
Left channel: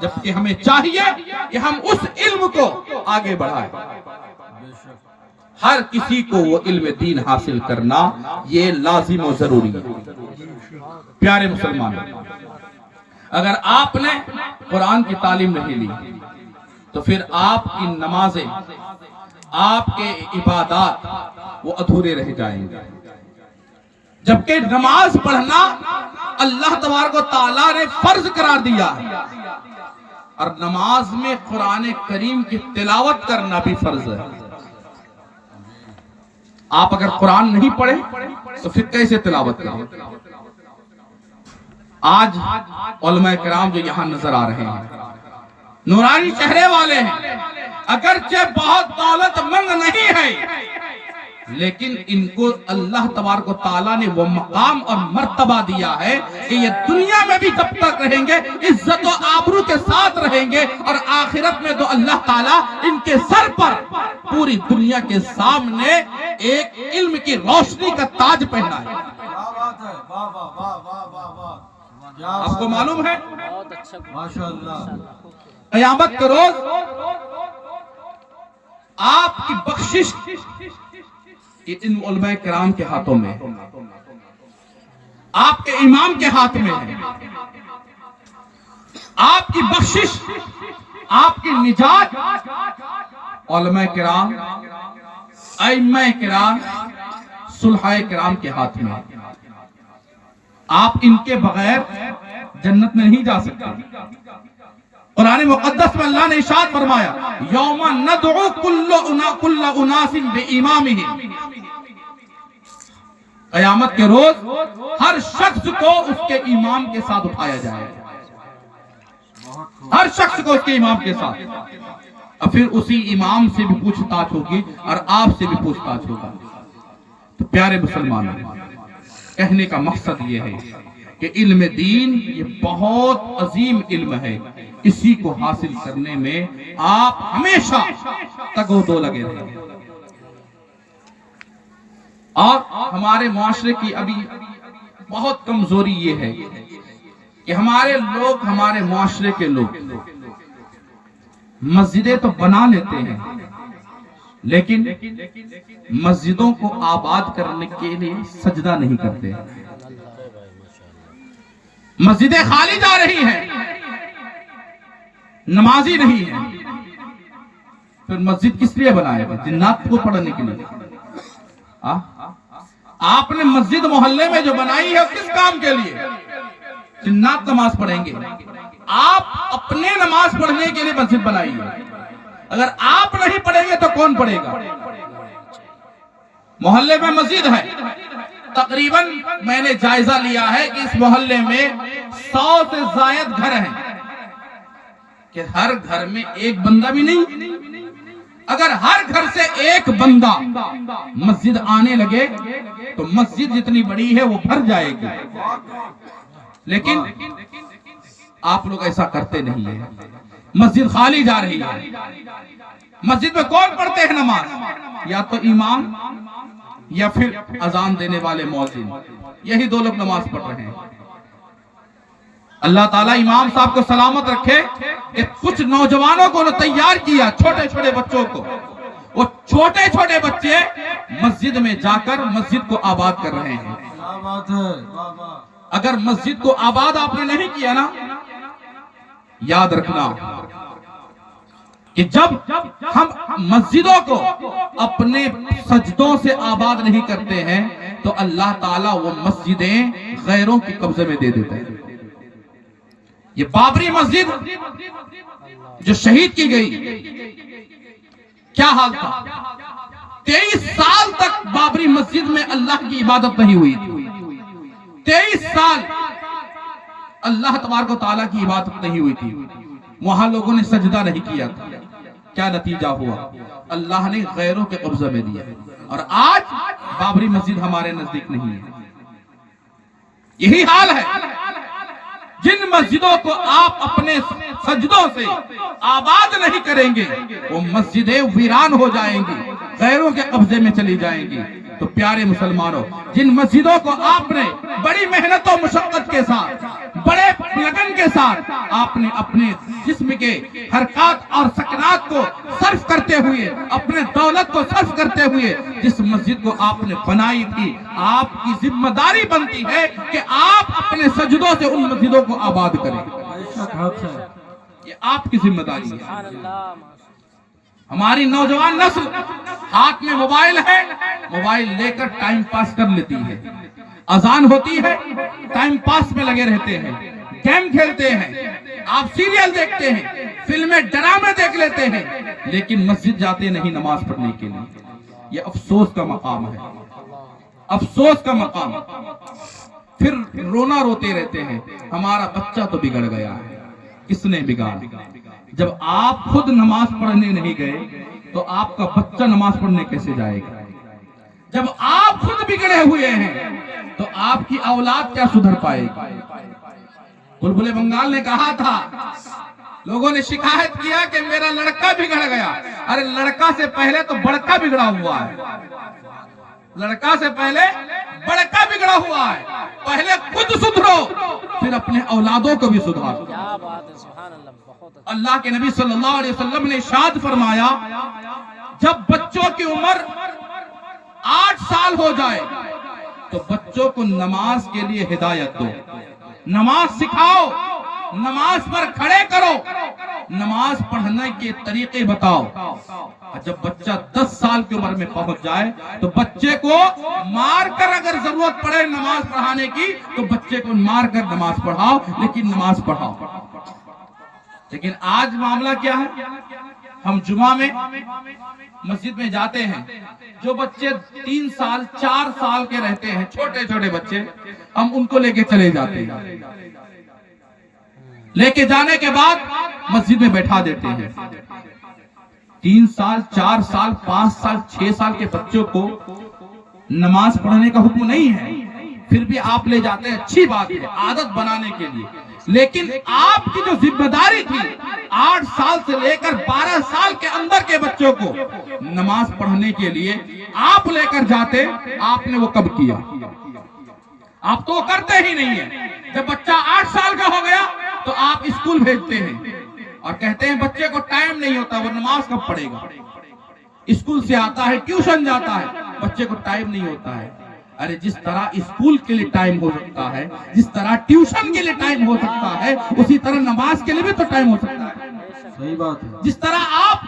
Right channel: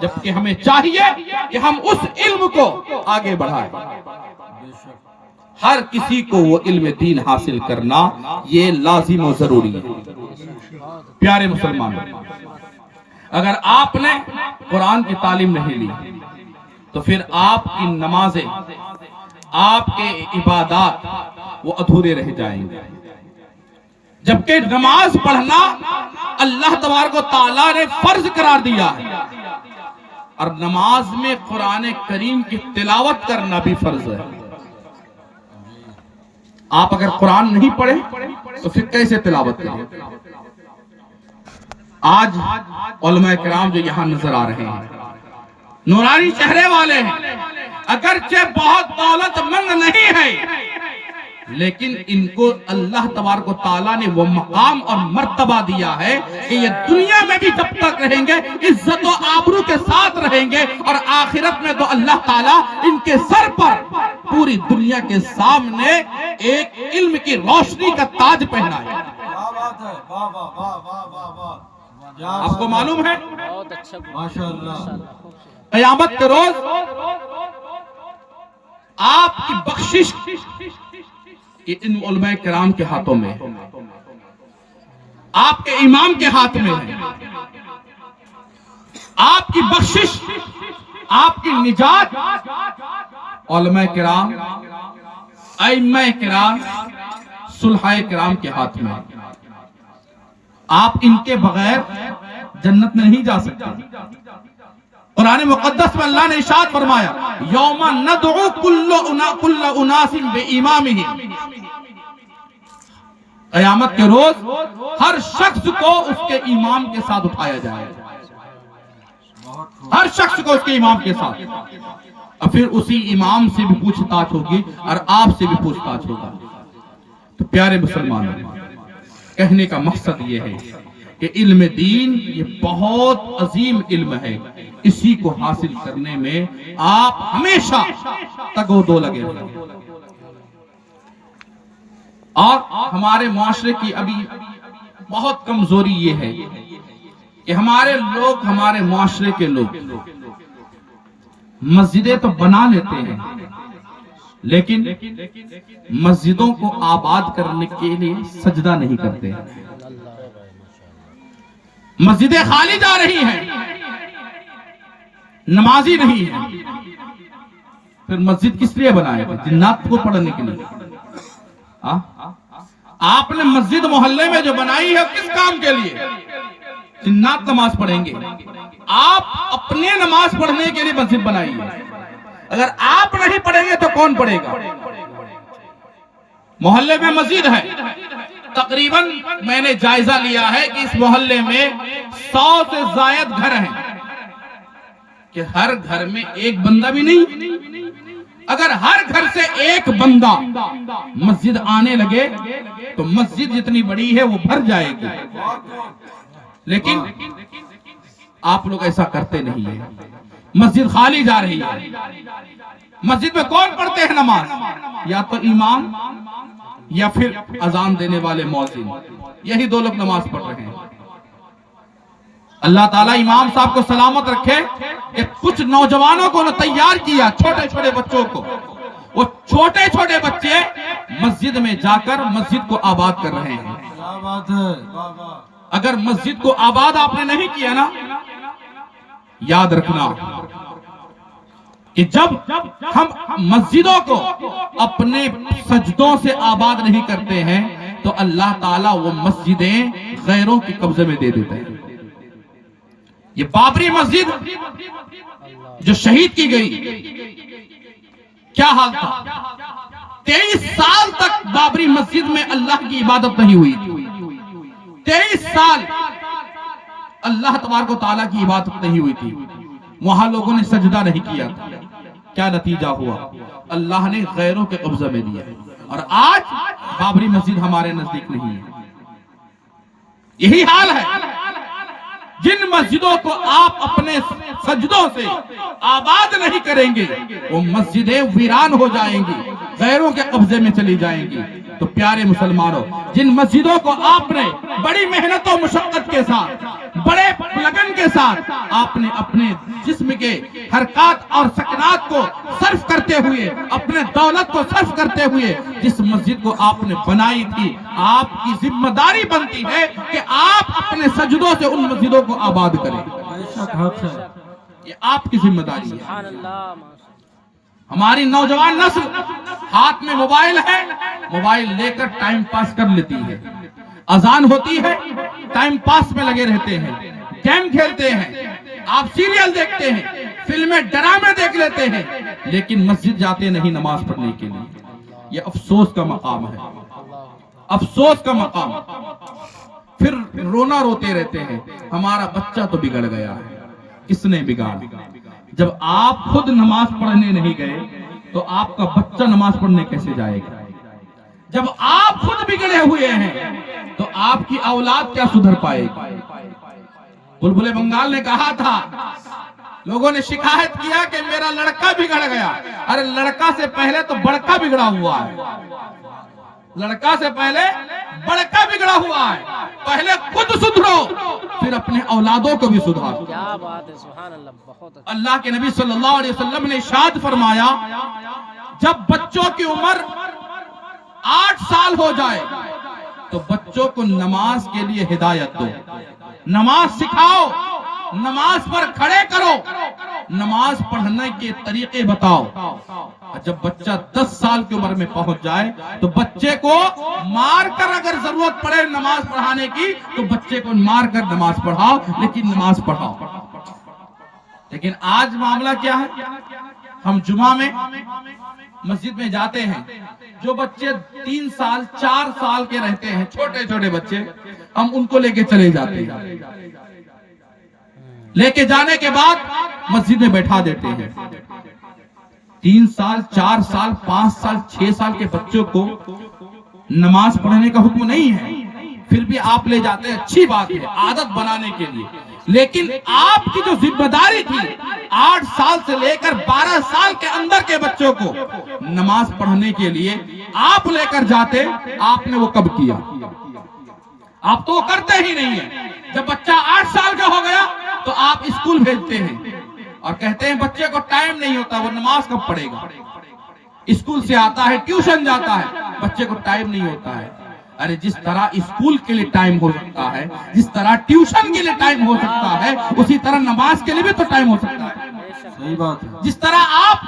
جبکہ ہمیں چاہیے کہ ہم اس علم کو آگے بڑھائیں۔ ہر کسی کو وہ علم دین حاصل کرنا یہ لازم و ضروری ہے۔ پیارے مسلمانوں، اگر آپ نے قرآن کی تعلیم نہیں لی تو پھر آپ کی نمازیں، آپ کے عبادات وہ ادھورے رہ جائیں گے، جبکہ نماز پڑھنا اللہ تبارک و تعالیٰ نے فرض قرار دیا ہے، اور نماز میں قرآن کریم کی تلاوت کرنا بھی فرض ہے۔ آپ اگر قرآن نہیں پڑھے تو پھر کیسے تلاوت کریں؟ آج علماء کرام جو یہاں نظر آ رہے ہیں، نورانی چہرے والے ہیں، اگرچہ بہت دولت مند نہیں ہے، لیکن ان کو اللہ تبارک و تعالیٰ نے وہ مقام اور مرتبہ دیا ہے کہ یہ دنیا میں بھی جب تک رہیں گے عزت و آبرو کے ساتھ رہیں گے، اور آخرت میں تو اللہ تعالیٰ ان کے سر پر پوری دنیا کے سامنے ایک علم کی روشنی کا تاج پہنا ہے۔ آپ کو معلوم ہے قیامت کے روز آپ کی بخشش ان علماء کرام کے ہاتھوں میں، آپ کے امام کے ہاتھ میں ہے۔ آپ کی بخشش، آپ کی نجات علماء کرام، ائمہ کرام، صلحاء کرام کے ہاتھ میں۔ آپ ان کے بغیر جنت میں نہیں جا سکتے۔ قرآن مقدس میں اللہ نے ارشاد فرمایا، یوم ندعو کل اناس بامامہم، قیامت کے روز ہر شخص کو اس کے امام کے ساتھ اٹھایا جائے گا، ہر شخص کو اس کے امام کے ساتھ، اور پھر اسی امام سے بھی پوچھ تاچھ ہوگی اور آپ سے بھی پوچھ تاچھ ہوگا۔ تو پیارے مسلمانوں، کہنے کا مقصد یہ ہے کہ علم دین یہ بہت عظیم علم ہے، اسی کو حاصل کرنے میں آپ ہمیشہ تگ و دو لگے رہیں۔ اور ہمارے معاشرے کی ابھی بہت کمزوری یہ ہے کہ ہمارے لوگ، ہمارے معاشرے کے لوگ مسجدیں تو بنا لیتے ہیں، لیکن مسجدوں کو آباد کرنے کے لیے سجدہ نہیں کرتے ہیں۔ مسجدیں خالی جا رہی ہیں، نمازی نہیں ہے۔ پھر مسجد کس لیے بنائے گا؟ جنات کو پڑھنے کے لیے۔ آپ نے مسجد محلے میں جو بنائی ہے کس کام کے لیے؟ جنات نماز پڑھیں گے۔ آپ اپنے نماز پڑھنے کے لیے مسجد بنائی ہے، اگر آپ نہیں پڑھیں گے تو کون پڑھے گا؟ محلے میں مسجد ہے، تقریباً میں نے جائزہ لیا ہے کہ اس محلے میں 100 سے زائد گھر ہیں، کہ ہر گھر میں ایک بندہ بھی نہیں۔ اگر ہر گھر سے ایک بندہ مسجد آنے لگے تو مسجد جتنی بڑی ہے وہ بھر جائے گی، لیکن آپ لوگ ایسا کرتے نہیں ہیں، مسجد خالی جا رہی ہے۔ مسجد میں کون پڑھتے ہیں نماز؟ یا تو امام یا پھر اذان دینے والے مؤذن، یہی دو لوگ نماز پڑھ رہے ہیں۔ اللہ تعالیٰ امام صاحب کو سلامت رکھے کہ کچھ نوجوانوں کو انہوں نے تیار کیا، چھوٹے چھوٹے بچوں کو، وہ چھوٹے چھوٹے بچے مسجد میں جا کر مسجد کو آباد کر رہے ہیں۔ اگر مسجد کو آباد آپ نے نہیں کیا نا، یاد رکھنا کہ جب ہم مسجدوں کو اپنے سجدوں سے آباد نہیں کرتے ہیں تو اللہ تعالیٰ وہ مسجدیں غیروں کے قبضے میں دے دیتا ہے. یہ بابری مسجد جو شہید کی گئی، کیا حال تھا؟ 23 سال تک بابری مسجد میں اللہ کی عبادت نہیں ہوئی تھی. 23 سال اللہ تبارک و تعالیٰ کی عبادت نہیں ہوئی تھی. وہاں لوگوں نے سجدہ نہیں کیا تھا. کیا نتیجہ ہوا؟ اللہ نے غیروں کے قبضے میں دیا. اور آج بابری مسجد ہمارے نزدیک نہیں ہے. یہی حال ہے. جن مسجدوں کو آپ اپنے سجدوں سے آباد نہیں کریں گے وہ مسجدیں ویران ہو جائیں گی، غیروں کے قبضے میں چلی جائیں گی. تو پیارے مسلمانوں، جن مسجدوں کو آپ نے بڑی محنت و مشقت کے ساتھ، بڑے لگن کے ساتھ آپ نے اپنے جسم کے حرکات اور سکنات کو صرف کرتے ہوئے، اپنے دولت کو صرف کرتے ہوئے جس مسجد کو آپ نے بنائی تھی، آپ کی ذمہ داری بنتی ہے کہ آپ اپنے سجدوں سے ان مسجدوں کو آباد کریں. یہ آپ کی ذمہ داری ہے. ہماری نوجوان نسل ہاتھ میں موبائل ہے، موبائل لے کر ٹائم پاس کر لیتی ہے. اذان ہوتی ہے، ٹائم پاس میں لگے رہتے ہیں، گیم کھیلتے ہیں، آپ سیریل دیکھتے ہیں، فلمیں ڈرامے دیکھ لیتے ہیں، لیکن مسجد جاتے نہیں نماز پڑھنے کے لیے. یہ افسوس کا مقام ہے، افسوس کا مقام. پھر رونا روتے رہتے ہیں ہمارا بچہ تو بگڑ گیا ہے. کس نے بگاڑا؟ جب آپ خود نماز پڑھنے نہیں گئے تو آپ کا بچہ نماز پڑھنے کیسے جائے گا؟ جب آپ خود بگڑے ہوئے ہیں تو آپ کی اولاد کیا سدھر پائے گی؟ بلبل بنگال نے کہا تھا، لوگوں نے شکایت کیا کہ میرا لڑکا بگڑ گیا. ارے لڑکا سے پہلے تو بڑکا بگڑا ہوا ہے. لڑکا سے پہلے بڑکا بگڑا ہوا ہے. پہلے خود سدھرو، پھر اپنے اولادوں کو بھی سدھارو. اللہ کے نبی صلی اللہ علیہ وسلم نے ارشاد فرمایا، جب بچوں کی عمر 8 سال ہو جائے تو بچوں کو نماز کے لیے ہدایت دو، نماز سکھاؤ، نماز پر کھڑے کرو، نماز پڑھنے کے طریقے بتاؤ. جب بچہ 10 سال کی عمر میں پہنچ جائے تو بچے کو مار کر اگر ضرورت پڑے نماز پڑھانے کی تو بچے کو مار کر نماز پڑھاؤ، لیکن نماز پڑھاؤ. لیکن آج معاملہ کیا ہے؟ ہم جمعہ میں مسجد میں جاتے ہیں، جو بچے 3 سال 4 سال کے رہتے ہیں، چھوٹے چھوٹے بچے، ہم ان کو لے کے چلے جاتے ہیں. لے کے جانے کے بعد مسجد میں بیٹھا دیتے ہیں. 3 سال 4 سال 5 سال 6 سال کے بچوں کو نماز پڑھنے کا حکم نہیں ہے، پھر بھی آپ لے جاتے ہیں. اچھی بات ہے، عادت بنانے کے لیے. لیکن آپ کی جو ذمہ داری تھی 8 سال سے لے کر 12 سال کے اندر کے بچوں کو نماز پڑھنے کے لیے آپ لے کر جاتے، آپ نے وہ کب کیا؟ آپ تو وہ کرتے ہی نہیں ہیں. جب بچہ 8 سال کا ہو گیا تو آپ اسکول بھیجتے ہیں اور کہتے ہیں بچے کو ٹائم نہیں ہوتا، وہ نماز کب پڑھے گا؟ اسکول سے آتا ہے، ٹیوشن جاتا ہے، بچے کو ٹائم نہیں ہوتا ہے. ارے جس طرح اسکول کے لیے ٹائم ہو سکتا ہے، جس طرح ٹیوشن کے لیے ٹائم ہو سکتا ہے، اسی طرح نماز کے لیے بھی تو ٹائم ہو سکتا ہے. صحیح بات ہے. جس طرح آپ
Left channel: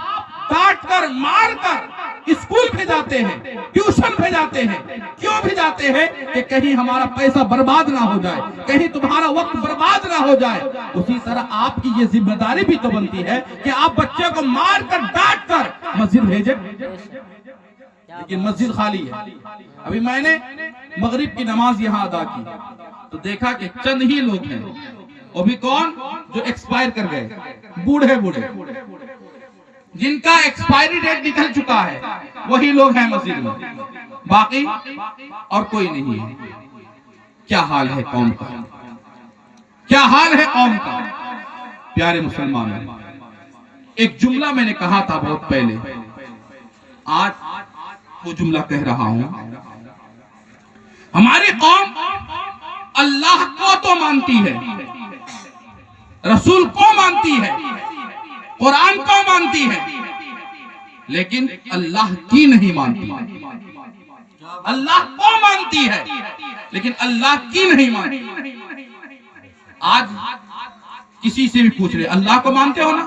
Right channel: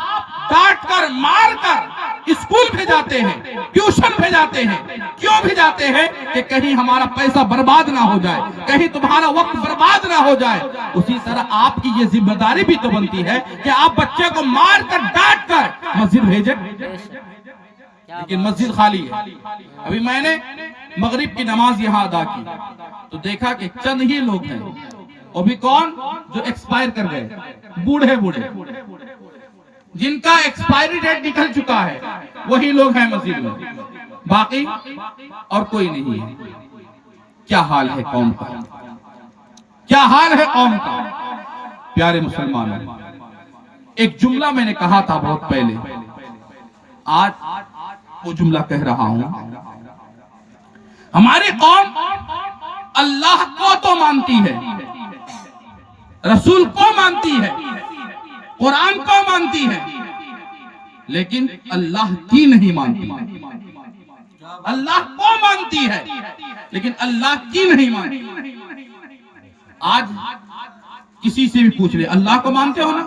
ڈانٹ کر مار کر اسکول بھیجاتے ہیں، ٹیوشن بھیجاتے ہیں، کیوں بھیجاتے ہیں؟ کہ کہیں ہمارا پیسہ برباد نہ ہو جائے، کہیں تمہارا وقت برباد نہ ہو جائے. اسی طرح آپ کی یہ ذمہ داری بھی تو بنتی ہے کہ آپ بچے کو مار کر ڈانٹ کر مسجد بھیجیں. لیکن مسجد خالی ہے. ابھی میں نے مغرب کی نماز یہاں ادا کی تو دیکھا کہ چند ہی لوگ ہیں، وہ بھی کون؟ جو ایکسپائر کر گئے، بوڑھے بوڑھے جن کا ایکسپائری ڈیٹ نکل چکا ہے، وہی لوگ ہیں مسجد میں، باقی اور کوئی نہیں ہے. کیا حال ہے قوم کا؟ کیا حال ہے قوم کا؟ پیارے مسلمانوں، ایک جملہ میں نے کہا تھا بہت پہلے، آج وہ جملہ کہہ رہا ہوں. ہماری قوم اللہ کو تو مانتی ہے، رسول کو مانتی ہے، قرآن کو مانتی ہے، لیکن اللہ کی نہیں مانتی. اللہ کو مانتی ہے لیکن اللہ کی نہیں مانتی. آج کسی سے بھی پوچھ رہے اللہ کو مانتے ہو نا؟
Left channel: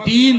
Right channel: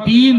3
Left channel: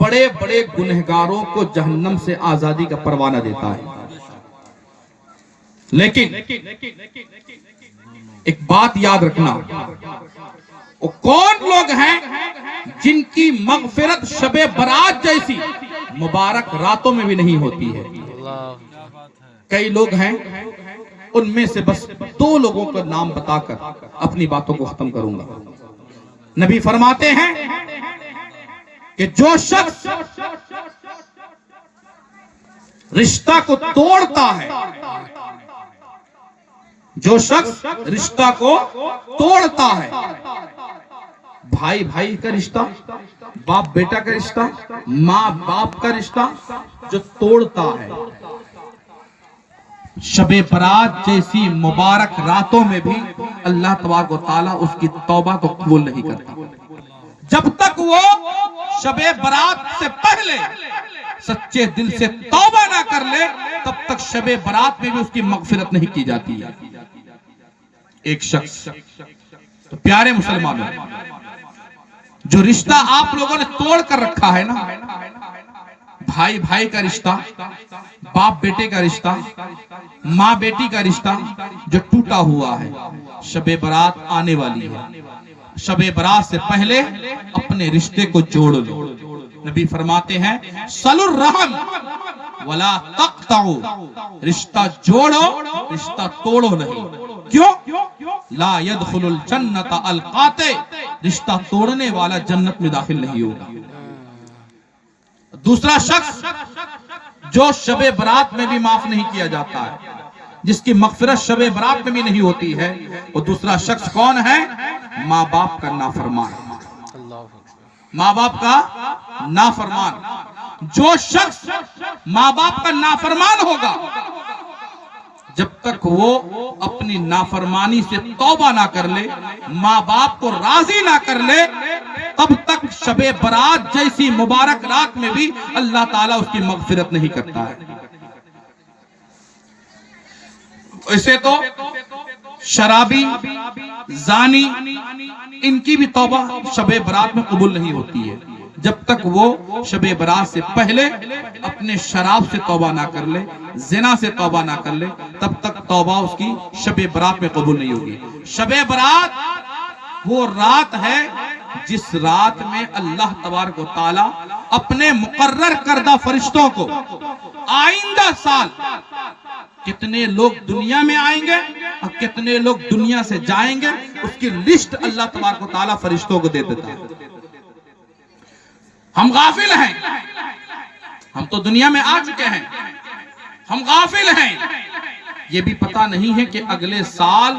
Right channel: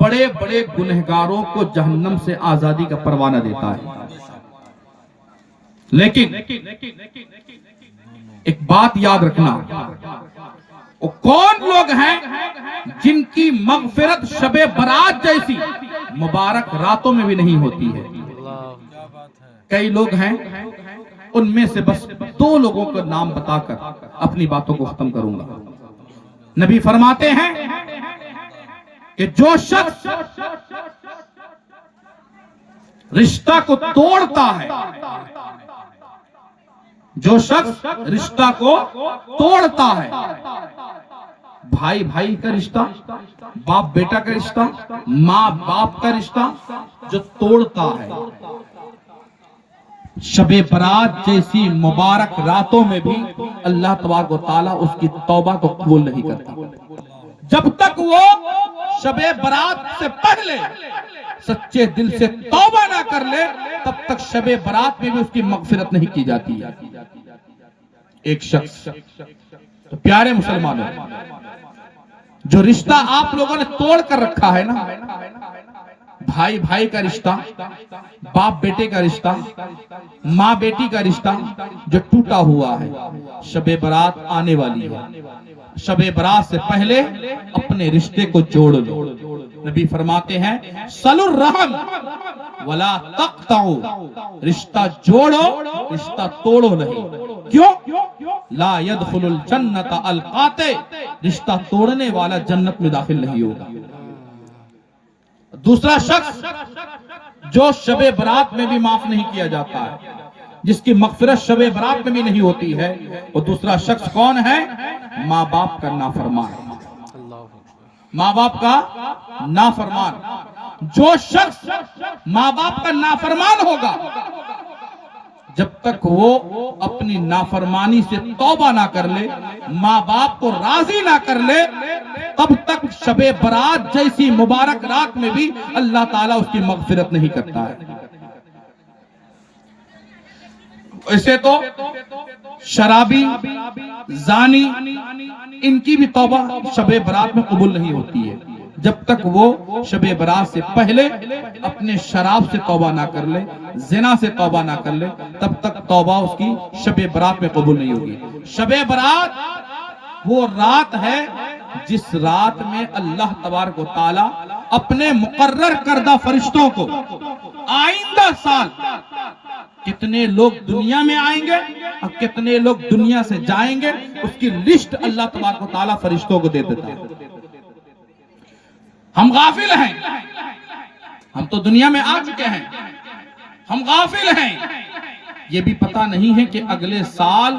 بڑے بڑے گنہگاروں کو جہنم سے آزادی کا پروانہ دیتا ہے. لیکن ایک بات یاد رکھنا، وہ کون لوگ ہیں جن کی مغفرت شب برات جیسی مبارک راتوں میں بھی نہیں ہوتی ہے؟ کئی لوگ ہیں، ان میں سے بس 2 لوگوں کا نام بتا کر اپنی باتوں کو ختم کروں گا. نبی فرماتے ہیں کہ جو شخص رشتہ کو توڑتا ہے، جو شخص رشتہ کو توڑتا ہے، بھائی بھائی کا رشتہ، باپ بیٹا کا رشتہ، ماں باپ کا رشتہ جو توڑتا ہے، شب برات جیسی مبارک راتوں میں بھی اللہ تبارک و تعالیٰ اس کی توبہ کو قبول نہیں کرتا. جب تک وہ شب برات سے پہلے سچے دل سے توبہ نہ کر لے، تب تک شب برات میں بھی اس کی مغفرت نہیں کی جاتی ہے. ایک شخص، تو پیارے مسلمانوں، جو رشتہ آپ لوگوں نے توڑ کر رکھا ہے نا، بھائی بھائی کا رشتہ، باپ بیٹے کا رشتہ، ماں بیٹی کا رشتہ جو ٹوٹا ہوا ہے، شب برات آنے والی ہے. شب برات سے پہلے اپنے رشتے کو جوڑ لو. نبی فرماتے ہیں صلوا الرحم ولا تقطعوا، رشتہ جوڑو، رشتہ توڑو نہیں. کیوں؟ لا يدخل الجنت القاطع، رشتہ توڑنے والا جنت میں داخل نہیں ہوگا. دوسرا شخص جو شب برات میں بھی معاف نہیں کیا جاتا ہے، جس کی مغفرت شب برات میں بھی نہیں ہوتی ہے، وہ دوسرا شخص کون ہے؟ ماں باپ کا نافرمان. ماں باپ کا نافرمان. جو شخص ماں باپ کا نافرمان ہوگا، جب تک وہ اپنی نافرمانی سے توبہ نہ کر لے، ماں باپ کو راضی نہ کر لے، تب تک شب برات جیسی مبارک رات میں بھی اللہ تعالیٰ اس کی مغفرت نہیں کرتا ہے. ایسے تو شرابی، زانی، ان کی بھی توبہ شب برات میں قبول نہیں ہوتی ہے. جب تک وہ شب برات سے پہلے اپنے شراب سے توبہ نہ کر لے، زنا سے توبہ نہ کر لے، تب تک توبہ اس کی شب برات میں قبول نہیں ہوگی. شب برات وہ رات ہے جس رات میں اللہ تبارک و تعالی اپنے مقرر کردہ فرشتوں کو آئندہ سال کتنے لوگ دنیا میں آئیں گے اور کتنے لوگ دنیا سے جائیں گے، اس کی لسٹ اللہ تبارک و تعالی فرشتوں کو دے دیتا ہے. ہم غافل ہیں، ہم تو دنیا میں آ چکے ہیں، ہم غافل ہیں. یہ بھی پتہ نہیں ہے کہ اگلے سال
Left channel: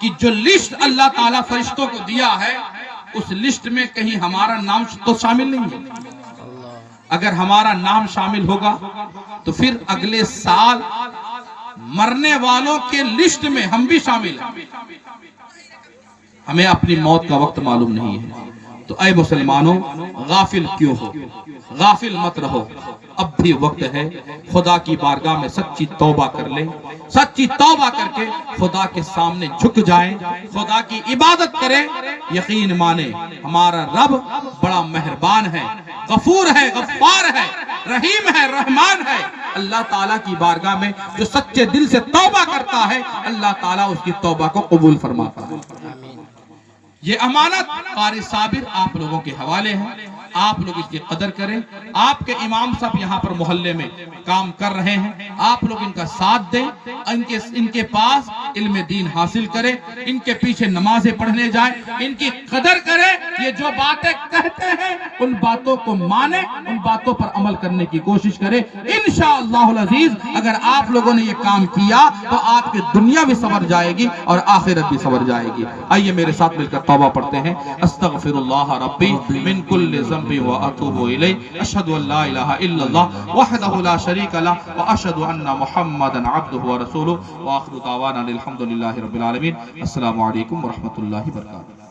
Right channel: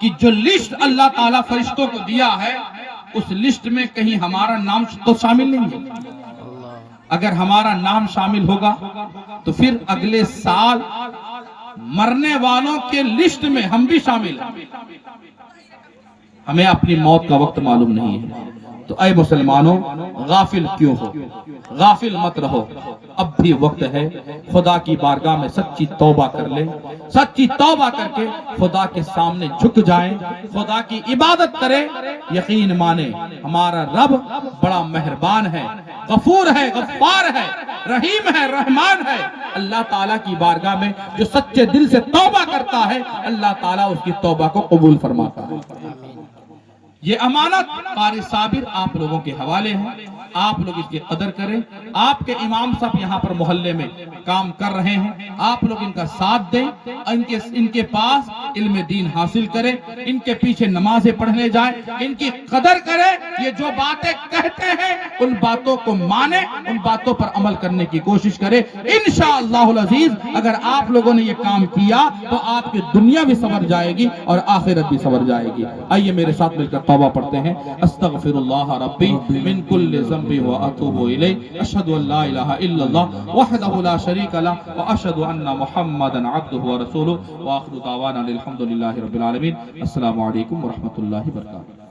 کی جو لسٹ اللہ تعالیٰ فرشتوں کو دیا ہے، اس لسٹ میں کہیں ہمارا نام تو شامل نہیں ہے. اگر ہمارا نام شامل ہوگا تو پھر اگلے سال مرنے والوں کے لسٹ میں ہم بھی شامل ہیں. ہمیں اپنی موت کا وقت معلوم نہیں ہے. تو اے مسلمانوں، غافل کیوں ہو؟ غافل مت رہو. اب بھی وقت ہے، خدا کی بارگاہ میں سچی توبہ کر لیں. سچی توبہ کر کے خدا کے سامنے جھک جائیں، خدا کی عبادت کریں. یقین مانیں ہمارا رب بڑا مہربان ہے، غفور ہے، غفار ہے، رحیم ہے، رحمان ہے. اللہ تعالیٰ کی بارگاہ میں جو سچے دل سے توبہ کرتا ہے، اللہ تعالیٰ اس کی توبہ کو قبول فرماتا ہے. یہ امانت قاری صابر آپ لوگوں کے حوالے ہے. آپ لوگ اس کی قدر کریں. آپ کے امام صاحب یہاں پر محلے میں کام کر رہے ہیں، آپ لوگ ان کا ساتھ دیں، ان کے پاس علم دین حاصل کریں، ان کے پیچھے نمازیں پڑھنے جائیں، ان کی قدر کریں. یہ جو باتیں کہتے ہیں ان باتوں کو مانیں، ان باتوں پر عمل کرنے کی کوشش کریں. انشاءاللہ العزیز اگر آپ لوگوں نے یہ کام کیا تو آپ کی دنیا بھی سنور جائے گی اور آخرت بھی سنور جائے گی. آئیے میرے ساتھ مل کر توبہ پڑھتے ہیں. استغفر اللہ ربی من کل ذنب واتوب الیہ. اشہد ان لا الہ الا اللہ وحدہ لا شریک لہ واشہد ان محمدا عبدہ ورسولہ. وآخر دعوانا الحمد للہ رب العالمین. السلام علیکم ورحمۃ اللہ وبرکاتہ.